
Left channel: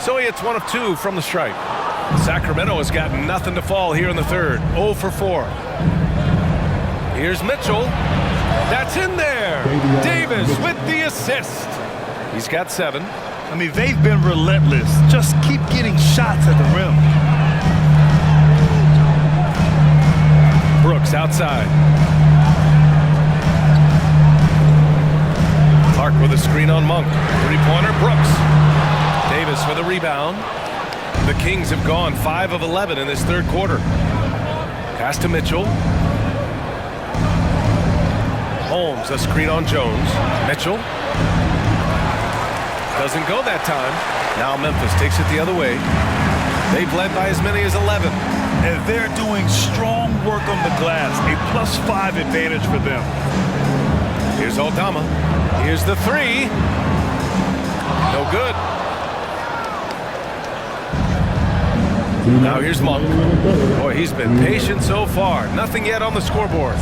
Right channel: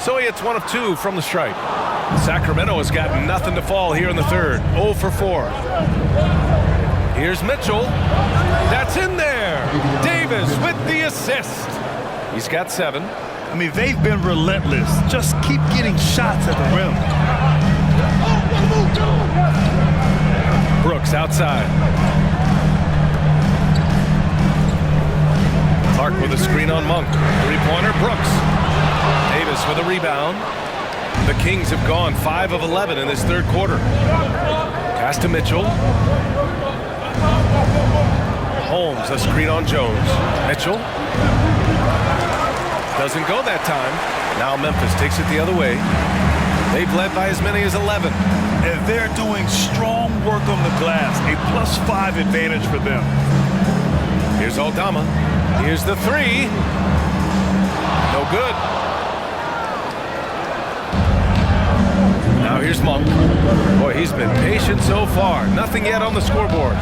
So he hits 1 of 2 from the stripe. Sacramento has got nothing to fall here in the third. 0 for 4. Here's Mitchell. That's in there. Davis with the assist. He's got 7. I mean, they've been relentless. Just keep getting shots at the rim. Brooks outside. Clark with a screen on Monk. Three-pointer, Brooks. Davis with a rebound. The Kings have gone 5 of 11 in this third quarter. Pass to Mitchell. Holmes, a screen on Jones. Mitchell. Doesn't go that time. Now Memphis takes it the other way. They've led by as many as 11. And they're doing strong work on the glass. A +5 advantage for them. Here's Aldama. Here's the 3. No good. Now here's Monk. Boy, he's been patient so far. Nothing yet on the scoreboard.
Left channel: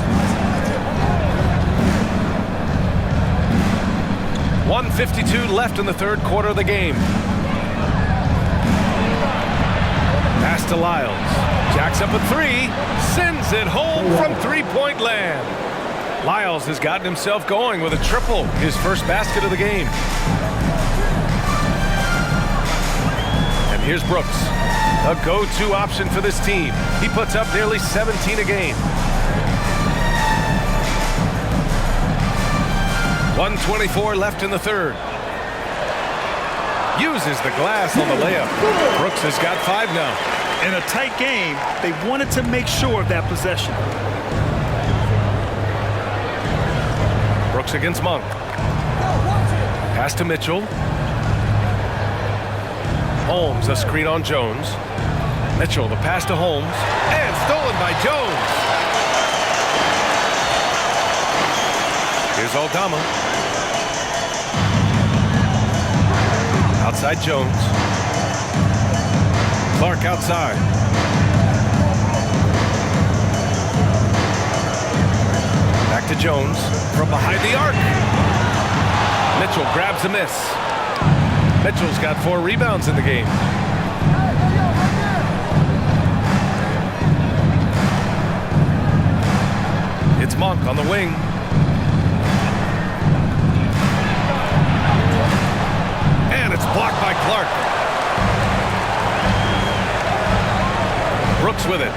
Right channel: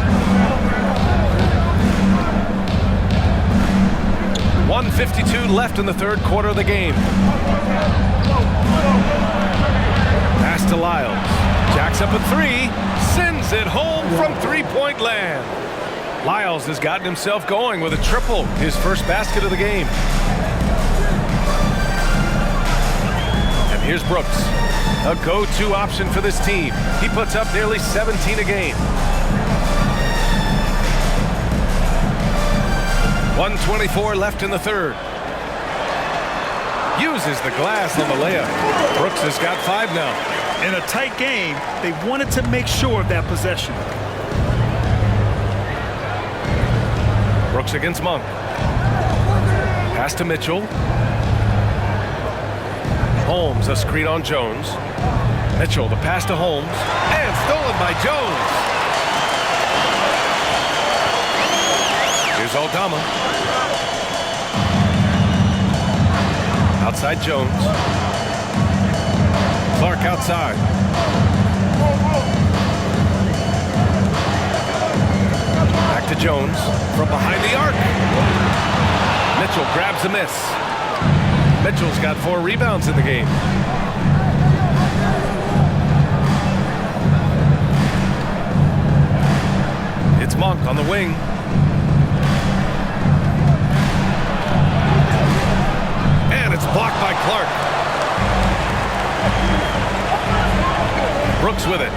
1:52 left in the third quarter of the game. Pass to Lyles. Jacks up a 3. Sends it home from three-point land. Lyles has gotten himself going with a triple. His first basket of the game. And here's Brooks. A go-to option for this team. He puts up nearly 17 a game. 1:24 left in the third. Uses the glass on the layup. Brooks has got 5 now. In a tight game, they wanted to make sure of that possession. Brooks against Monk. Pass to Mitchell. Holmes, a screen on Jones. Mitchell, the pass to Holmes. And stolen by Jones. Here's Aldama. Outside Jones. Clark outside. Back to Jones from behind the arc. Mitchell grabs a miss. Mitchell's got 4 rebounds in the game. It's Monk on the wing. And it's blocked by Clark. Brooks with it.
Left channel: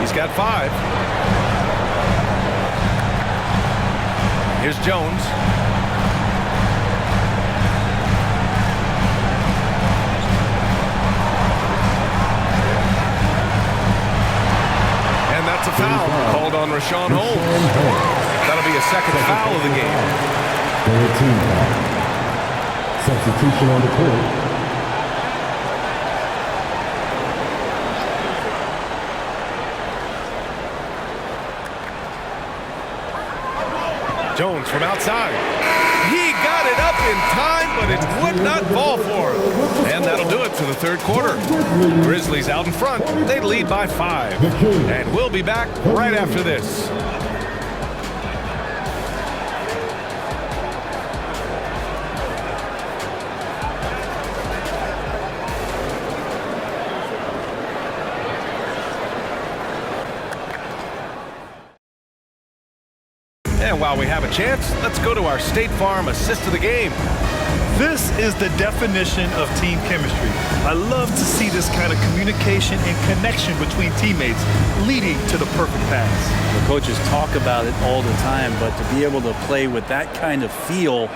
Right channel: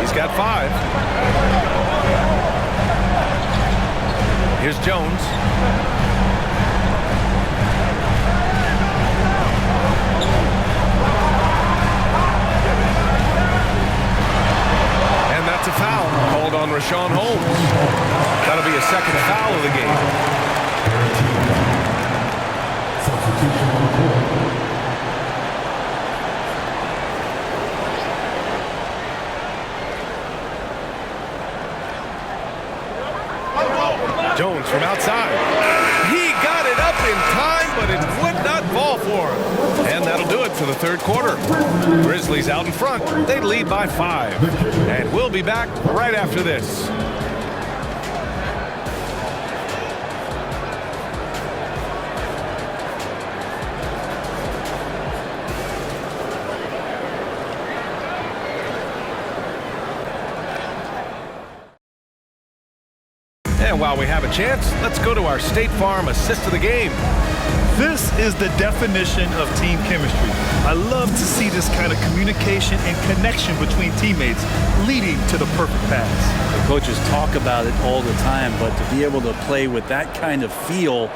He's got 5. Here's Jones. And that's a foul called on Rashawn Holmes. That'll be a second foul of the game. Third team foul. Substitution on the court. Jones from outside. He got it up in time, but it would not fall for him. And that'll do it for the third quarter. Grizzlies out in front. They lead by 5. And we'll be back right after this. And while we have a chance, let's go to our State Farm assist of the game. This is the definition of team chemistry. I love to see this kind of communication and connection between teammates leading to the perfect pass. The coaches talk about it all the time, but to be able to play with that kind of feel,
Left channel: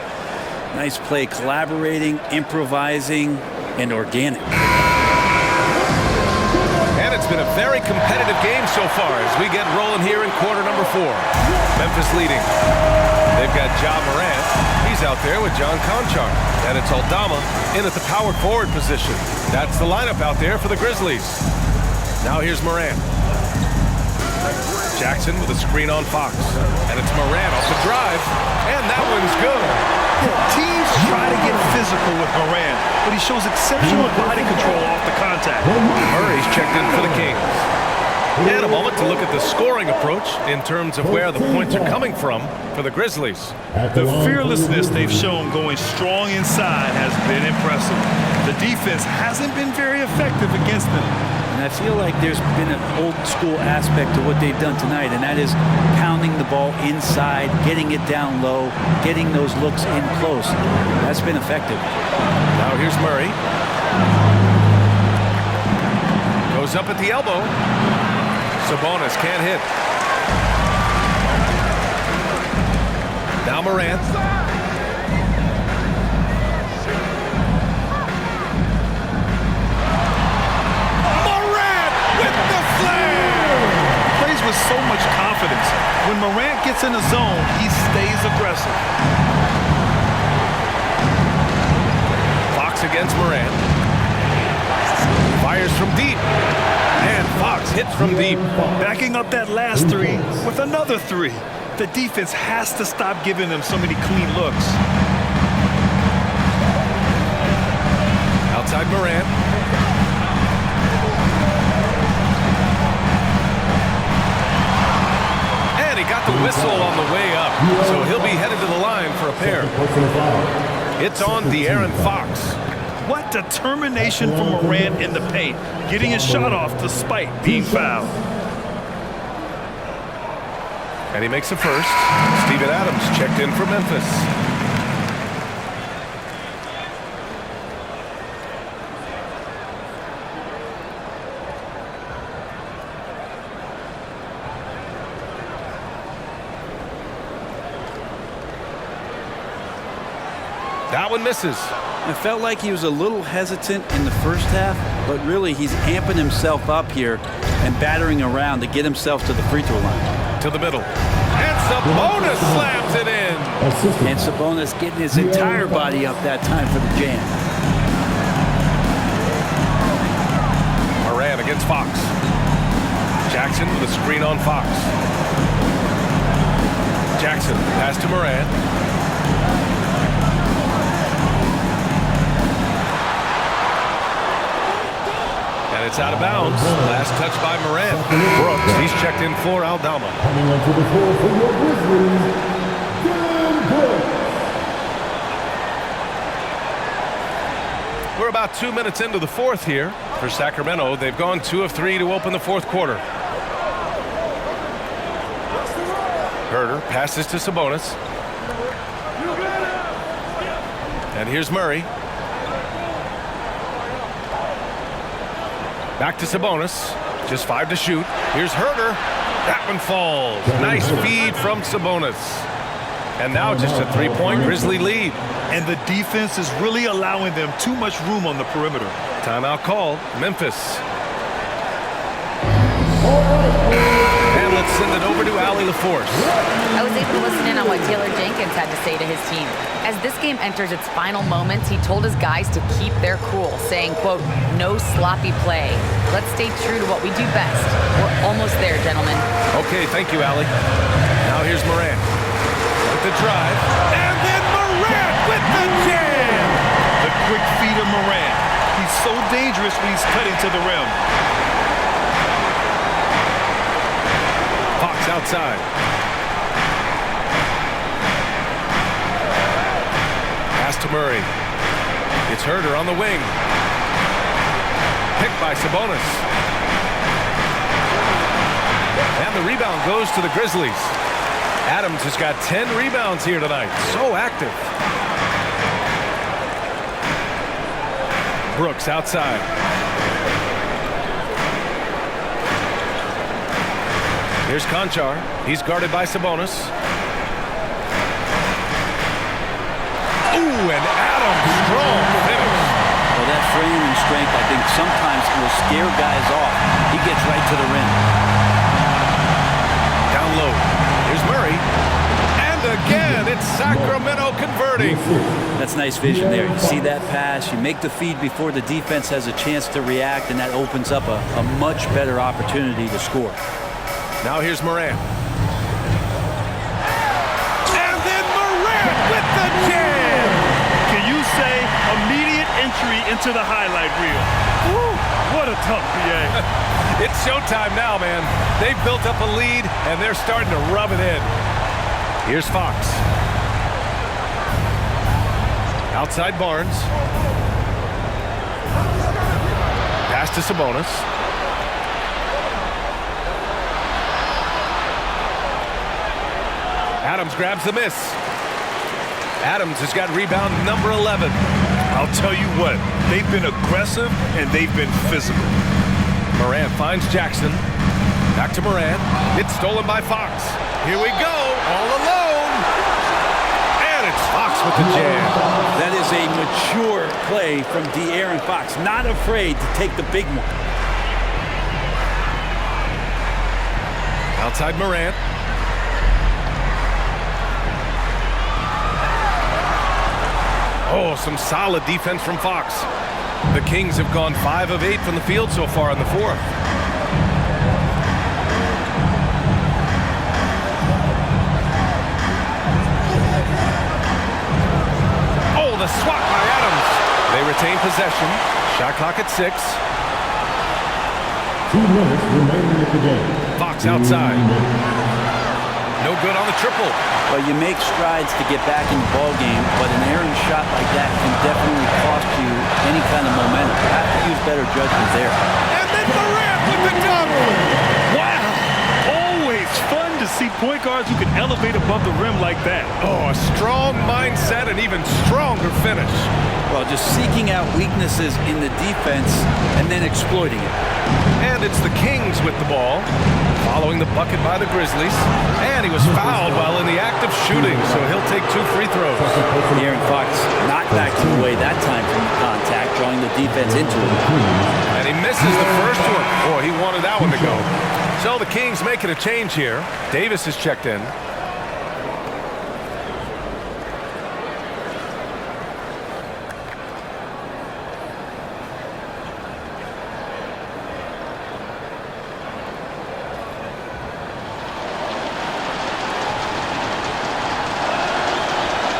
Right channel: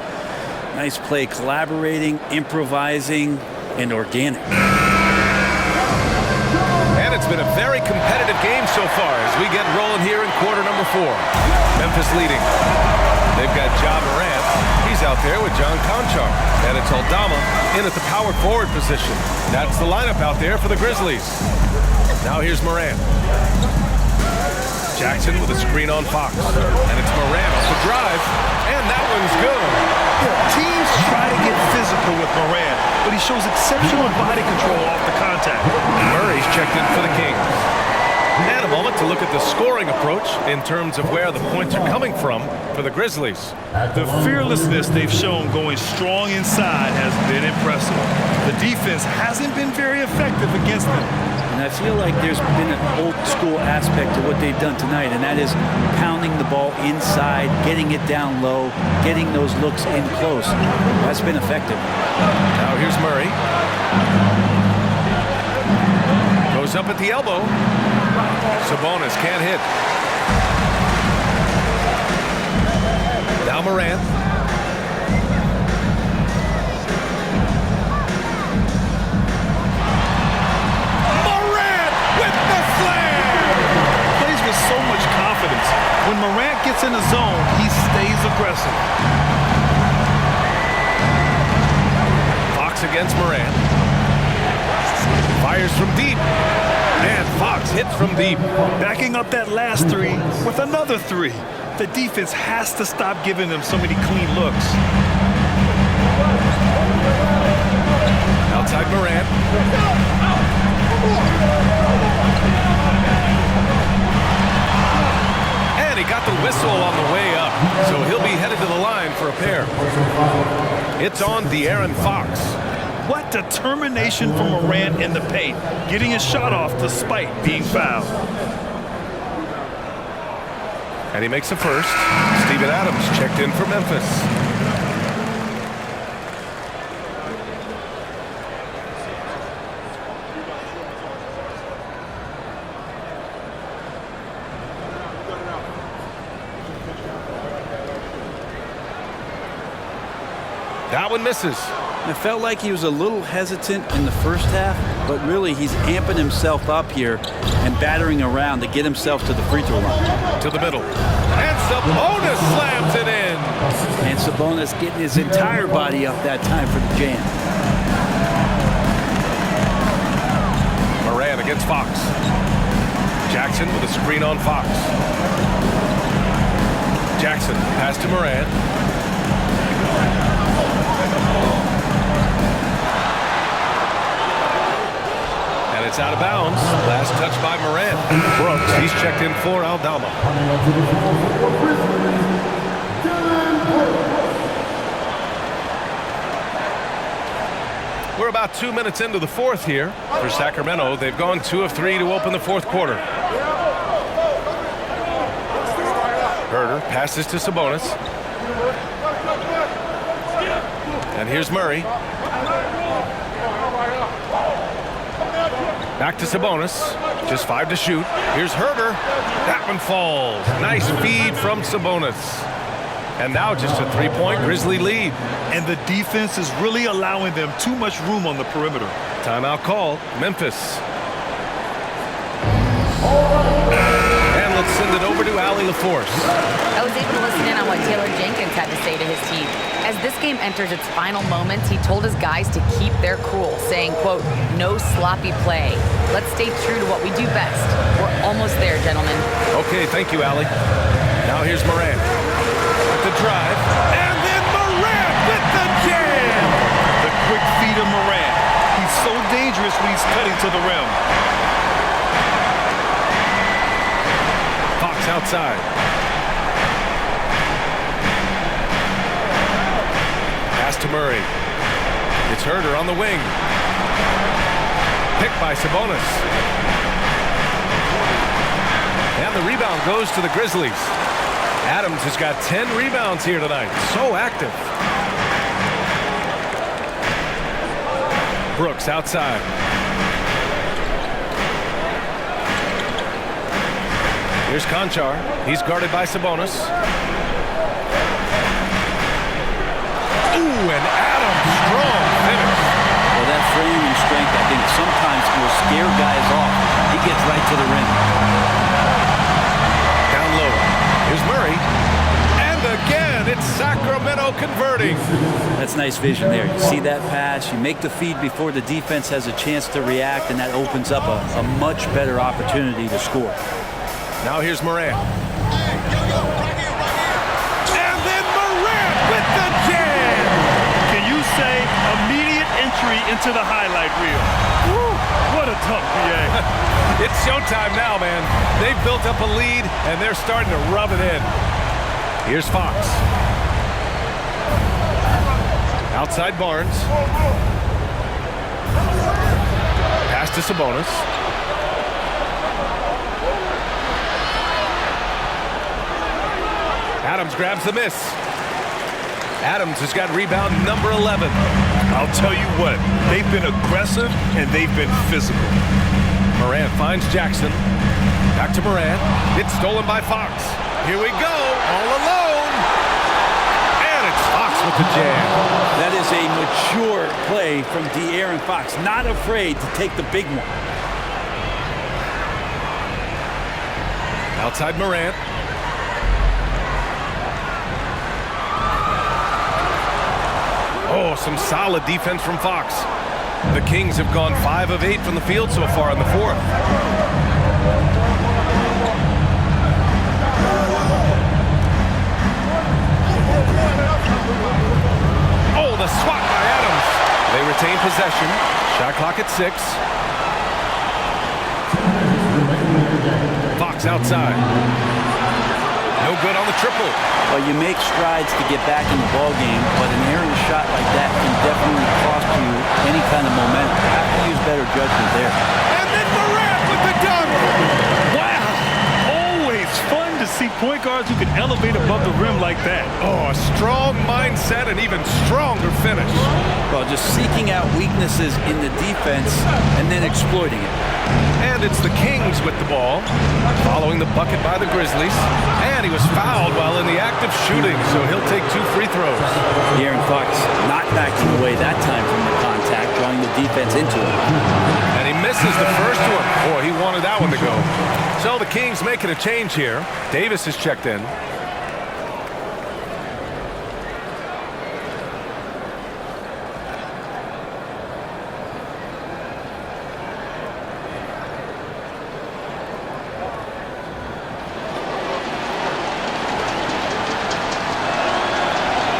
nice play, collaborating, improvising, and organic. And it's been a very competitive game so far as we get rolling here in quarter number 4. Memphis leading. They've got Ja Morant. He's out there with John Conchar. And it's Aldama in at the power forward position. That's the lineup out there for the Grizzlies. Now here's Morant. Jackson with a screen on Fox. And it's Morant off the drive. And that one's good. Yeah, teams try to get physical with Morant, but he shows exceptional body control off the contact. Murray's checked in for the Kings. And a moment to look at the scoring approach in terms of where the points are coming from for the Grizzlies. The fearlessness they've shown going strong inside has been impressive. The defense hasn't been very effective against them. And I feel like there's been an old school aspect to what they've done tonight, and that is pounding the ball inside, getting it down low, getting those looks in close. That's been effective. Now here's Murray. Goes up at the elbow. Sabonis can't hit. Now Morant. Morant with the slam! Plays with so much confidence. When Morant gets in the zone, he stays aggressive. Fox against Morant. Fires from deep. And Fox hits from deep. Backing up that last 3 with another 3. The defense has to stop giving them so many clean looks. Outside Morant. And he got the whistle on the way up. So he'll be headed to the line for a pair. It's on De'Aaron Fox. What determination from Morant in the paint, getting his shot off despite being fouled. And he makes the first. Steven Adams checked in for Memphis. That one misses. I felt like he was a little hesitant in the first half, but really he's amping himself up here and battering around to get himself to the free throw line. To the middle. And Sabonis slams it in. And Sabonis getting his entire body up that time for the jam. Moran against Fox. Jackson with a screen on Fox. Jackson, pass to Moran. And it's out of bounds. Last touch by Moran. Brooks, he's checked in for Aldama. Coming onto the floor for your Grizzlies, Dylan Brooks. We're about 2 minutes into the fourth here for Sacramento. They've gone 2 of 3 to open the fourth quarter. Herter passes to Sabonis. And here's Murray. Back to Sabonis. Just 5 to shoot. Here's Herter. That one falls. Nice feed from Sabonis. And now just a 3-point Grizzly lead. And the defense is really allowing them too much room on the perimeter. Timeout called. Memphis. And let's send it over to Allie LaForce. I was able to listen in on what Taylor Jenkins had to say to his team. As this game enters its final moments, he told his guys to keep their cool, saying, quote, "No sloppy play. Let's stay true to what we do best. We're almost there, gentlemen." Okay, thank you, Allie. Now here's Moran with the drive. And then Moran with the jam. The quick feed of Moran. He's so dangerous when he's cutting to the rim. Fox outside. Pass to Murray. It's Herter on the wing. Picked by Sabonis. And the rebound goes to the Grizzlies. Adams has got 10 rebounds here tonight. So active. Brooks outside. Here's Conchar. He's guarded by Sabonis. Ooh, and Adams, strong finish. Well, that frame and strength, I think, sometimes will scare guys off. He gets right to the rim. Down low. Here's Murray. And again, it's Sacramento converting. That's nice vision there. You see that pass, you make the feed before the defense has a chance to react, and that opens up a much better opportunity to score. Now here's Moran. And then Moran with the jam. Can you say immediate entry into the highlight reel? Woo, what a tough BA. It's showtime now, man. They've built up a lead, and they're starting to rub it in. Here's Fox. Outside Barnes. Pass to Sabonis. Adams grabs the miss. Adams has got rebound number 11. I'll tell you what, they've been aggressive and they've been physical. Moran finds Jackson. Back to Moran. It's stolen by Fox. Here we go, all alone. And it's Fox with the jam. That is a mature play from De'Aaron Fox. Not afraid to take the big one. Outside Morant. Oh, some solid defense from Fox. The Kings have gone 5 of 8 from the field so far in the fourth. Oh, the swat by Adams. They retain possession. Shot clock at 6. 2 minutes remaining in the game. Fox outside. No good on the triple. Well, you make strides to get back in the ball game, but an errant shot like that can definitely cost you any kind of momentum. You have to use better judgment there. And then Morant with the dunk. Wow! Always fun to see point guards who can elevate above the rim like that. Oh, a strong mindset and even stronger finish. Well, just seeking out weaknesses in the defense and then exploiting it. And it's the Kings with the ball, following the bucket by the Grizzlies. And he was fouled while in the act of shooting, so he'll take 2 free throws. De'Aaron Fox not backing away that time from the contact, drawing the defense into him. And he misses the first one. Boy, he wanted that one to go. So the Kings making a change here. Davis is checked in.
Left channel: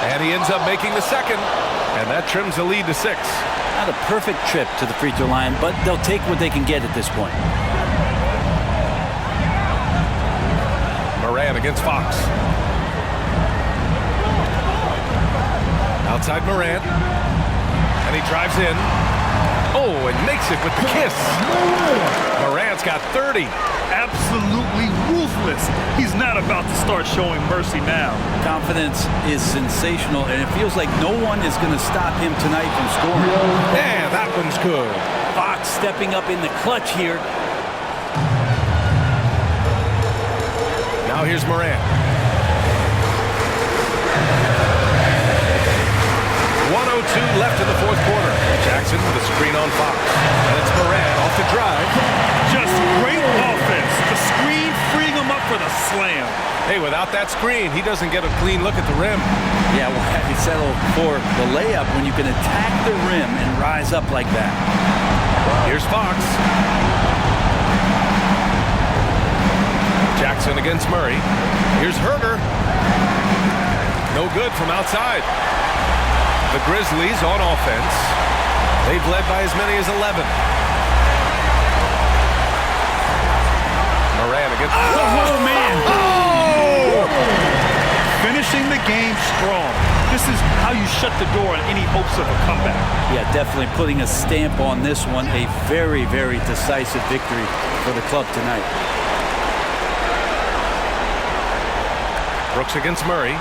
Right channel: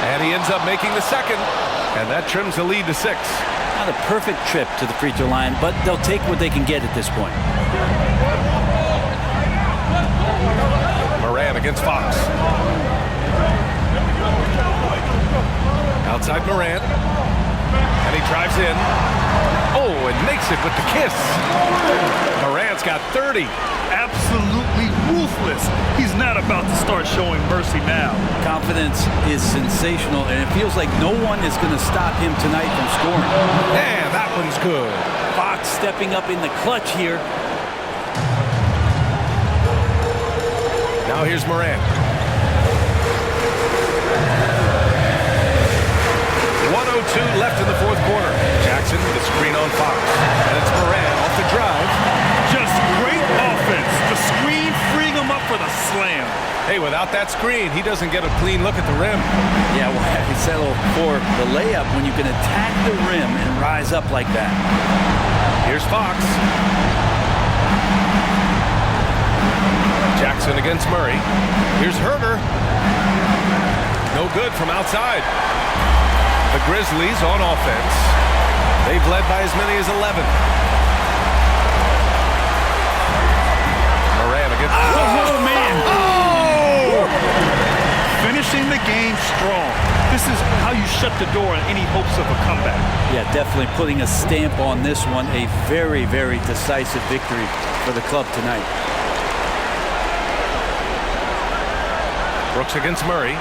And he ends up making the second, and that trims the lead to 6. Not a perfect trip to the free throw line, but they'll take what they can get at this point. Moran against Fox. Outside Moran, and he drives in. Oh, and makes it with the kiss. Moran's got 30. Absolutely ruthless. He's not about to start showing mercy now. Confidence is sensational, and it feels like no one is going to stop him tonight from scoring. Yeah, that one's good. Fox stepping up in the clutch here. Now here's Moran. 1:02 left in the 4th quarter. Jackson with a screen on Fox. And it's Moran off the drive. Just great offense. The screen freeing him up for the slam. Hey, without that screen, he doesn't get a clean look at the rim. Yeah, why settle for the layup when you can attack the rim and rise up like that? Here's Fox. Jackson against Murray. Here's Herter. No good from outside. The Grizzlies on offense. They've led by as many as 11. Moran against... Oh, man! Oh! Finishing the game strong. This is how you shut the door on any hopes of a comeback. Yeah, definitely putting a stamp on this one. A very, very decisive victory for the club tonight. Brooks against Murray.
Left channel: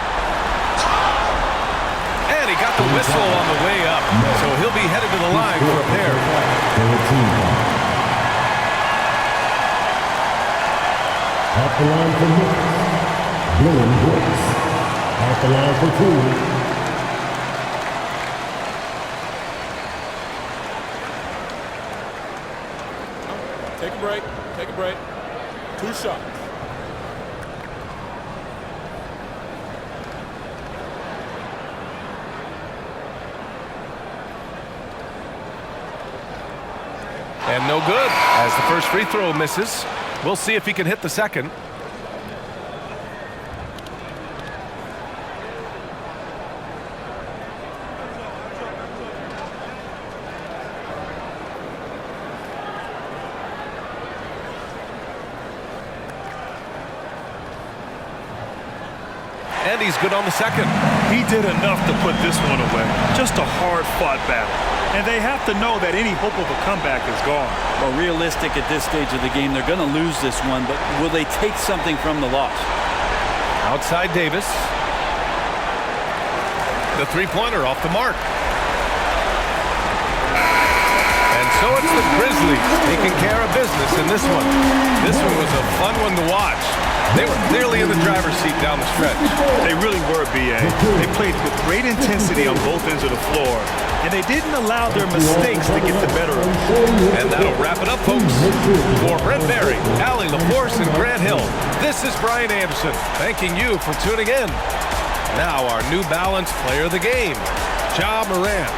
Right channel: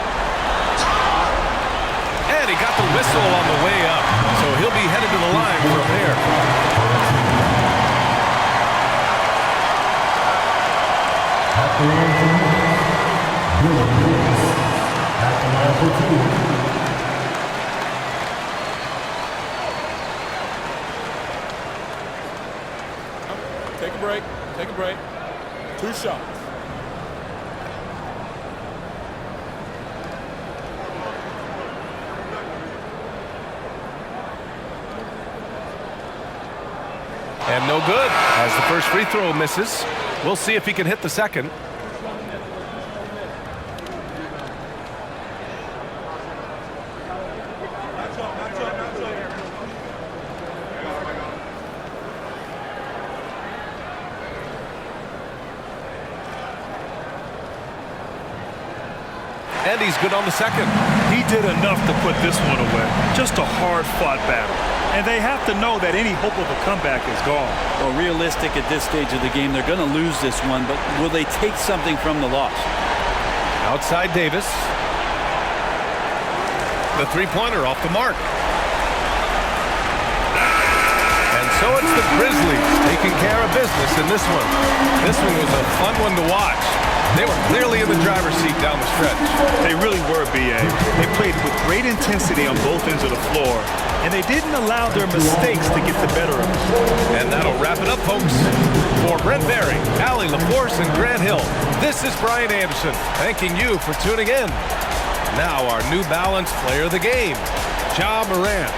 And he got the whistle on the way up. So he'll be headed to the line for a pair. At the line for Memphis, Billy Brooks. At the line for Cleveland. Take a break. Take a break. 2 shots. And no good as the first free throw misses. We'll see if he can hit the second. And he's good on the second. He did enough to put this one away. Just a hard-fought battle. And they have to know that any hope of a comeback is gone. Well, realistic at this stage of the game, they're going to lose this one, but will they take something from the loss? Outside Davis. The three-pointer off the mark. And so it's the Grizzlies taking care of business in this one. This one was a fun one to watch. They were clearly in the driver's seat down the stretch. They really were, B.A. They played with great intensity on both ends of the floor, and they didn't allow their mistakes to get the better of them. And that'll wrap it up, folks. For Brent Barry, Allie LaForce, and Grant Hill, this is Brian Anderson, thanking you for tuning in. Now our New Balance player of the game, Ja Morant.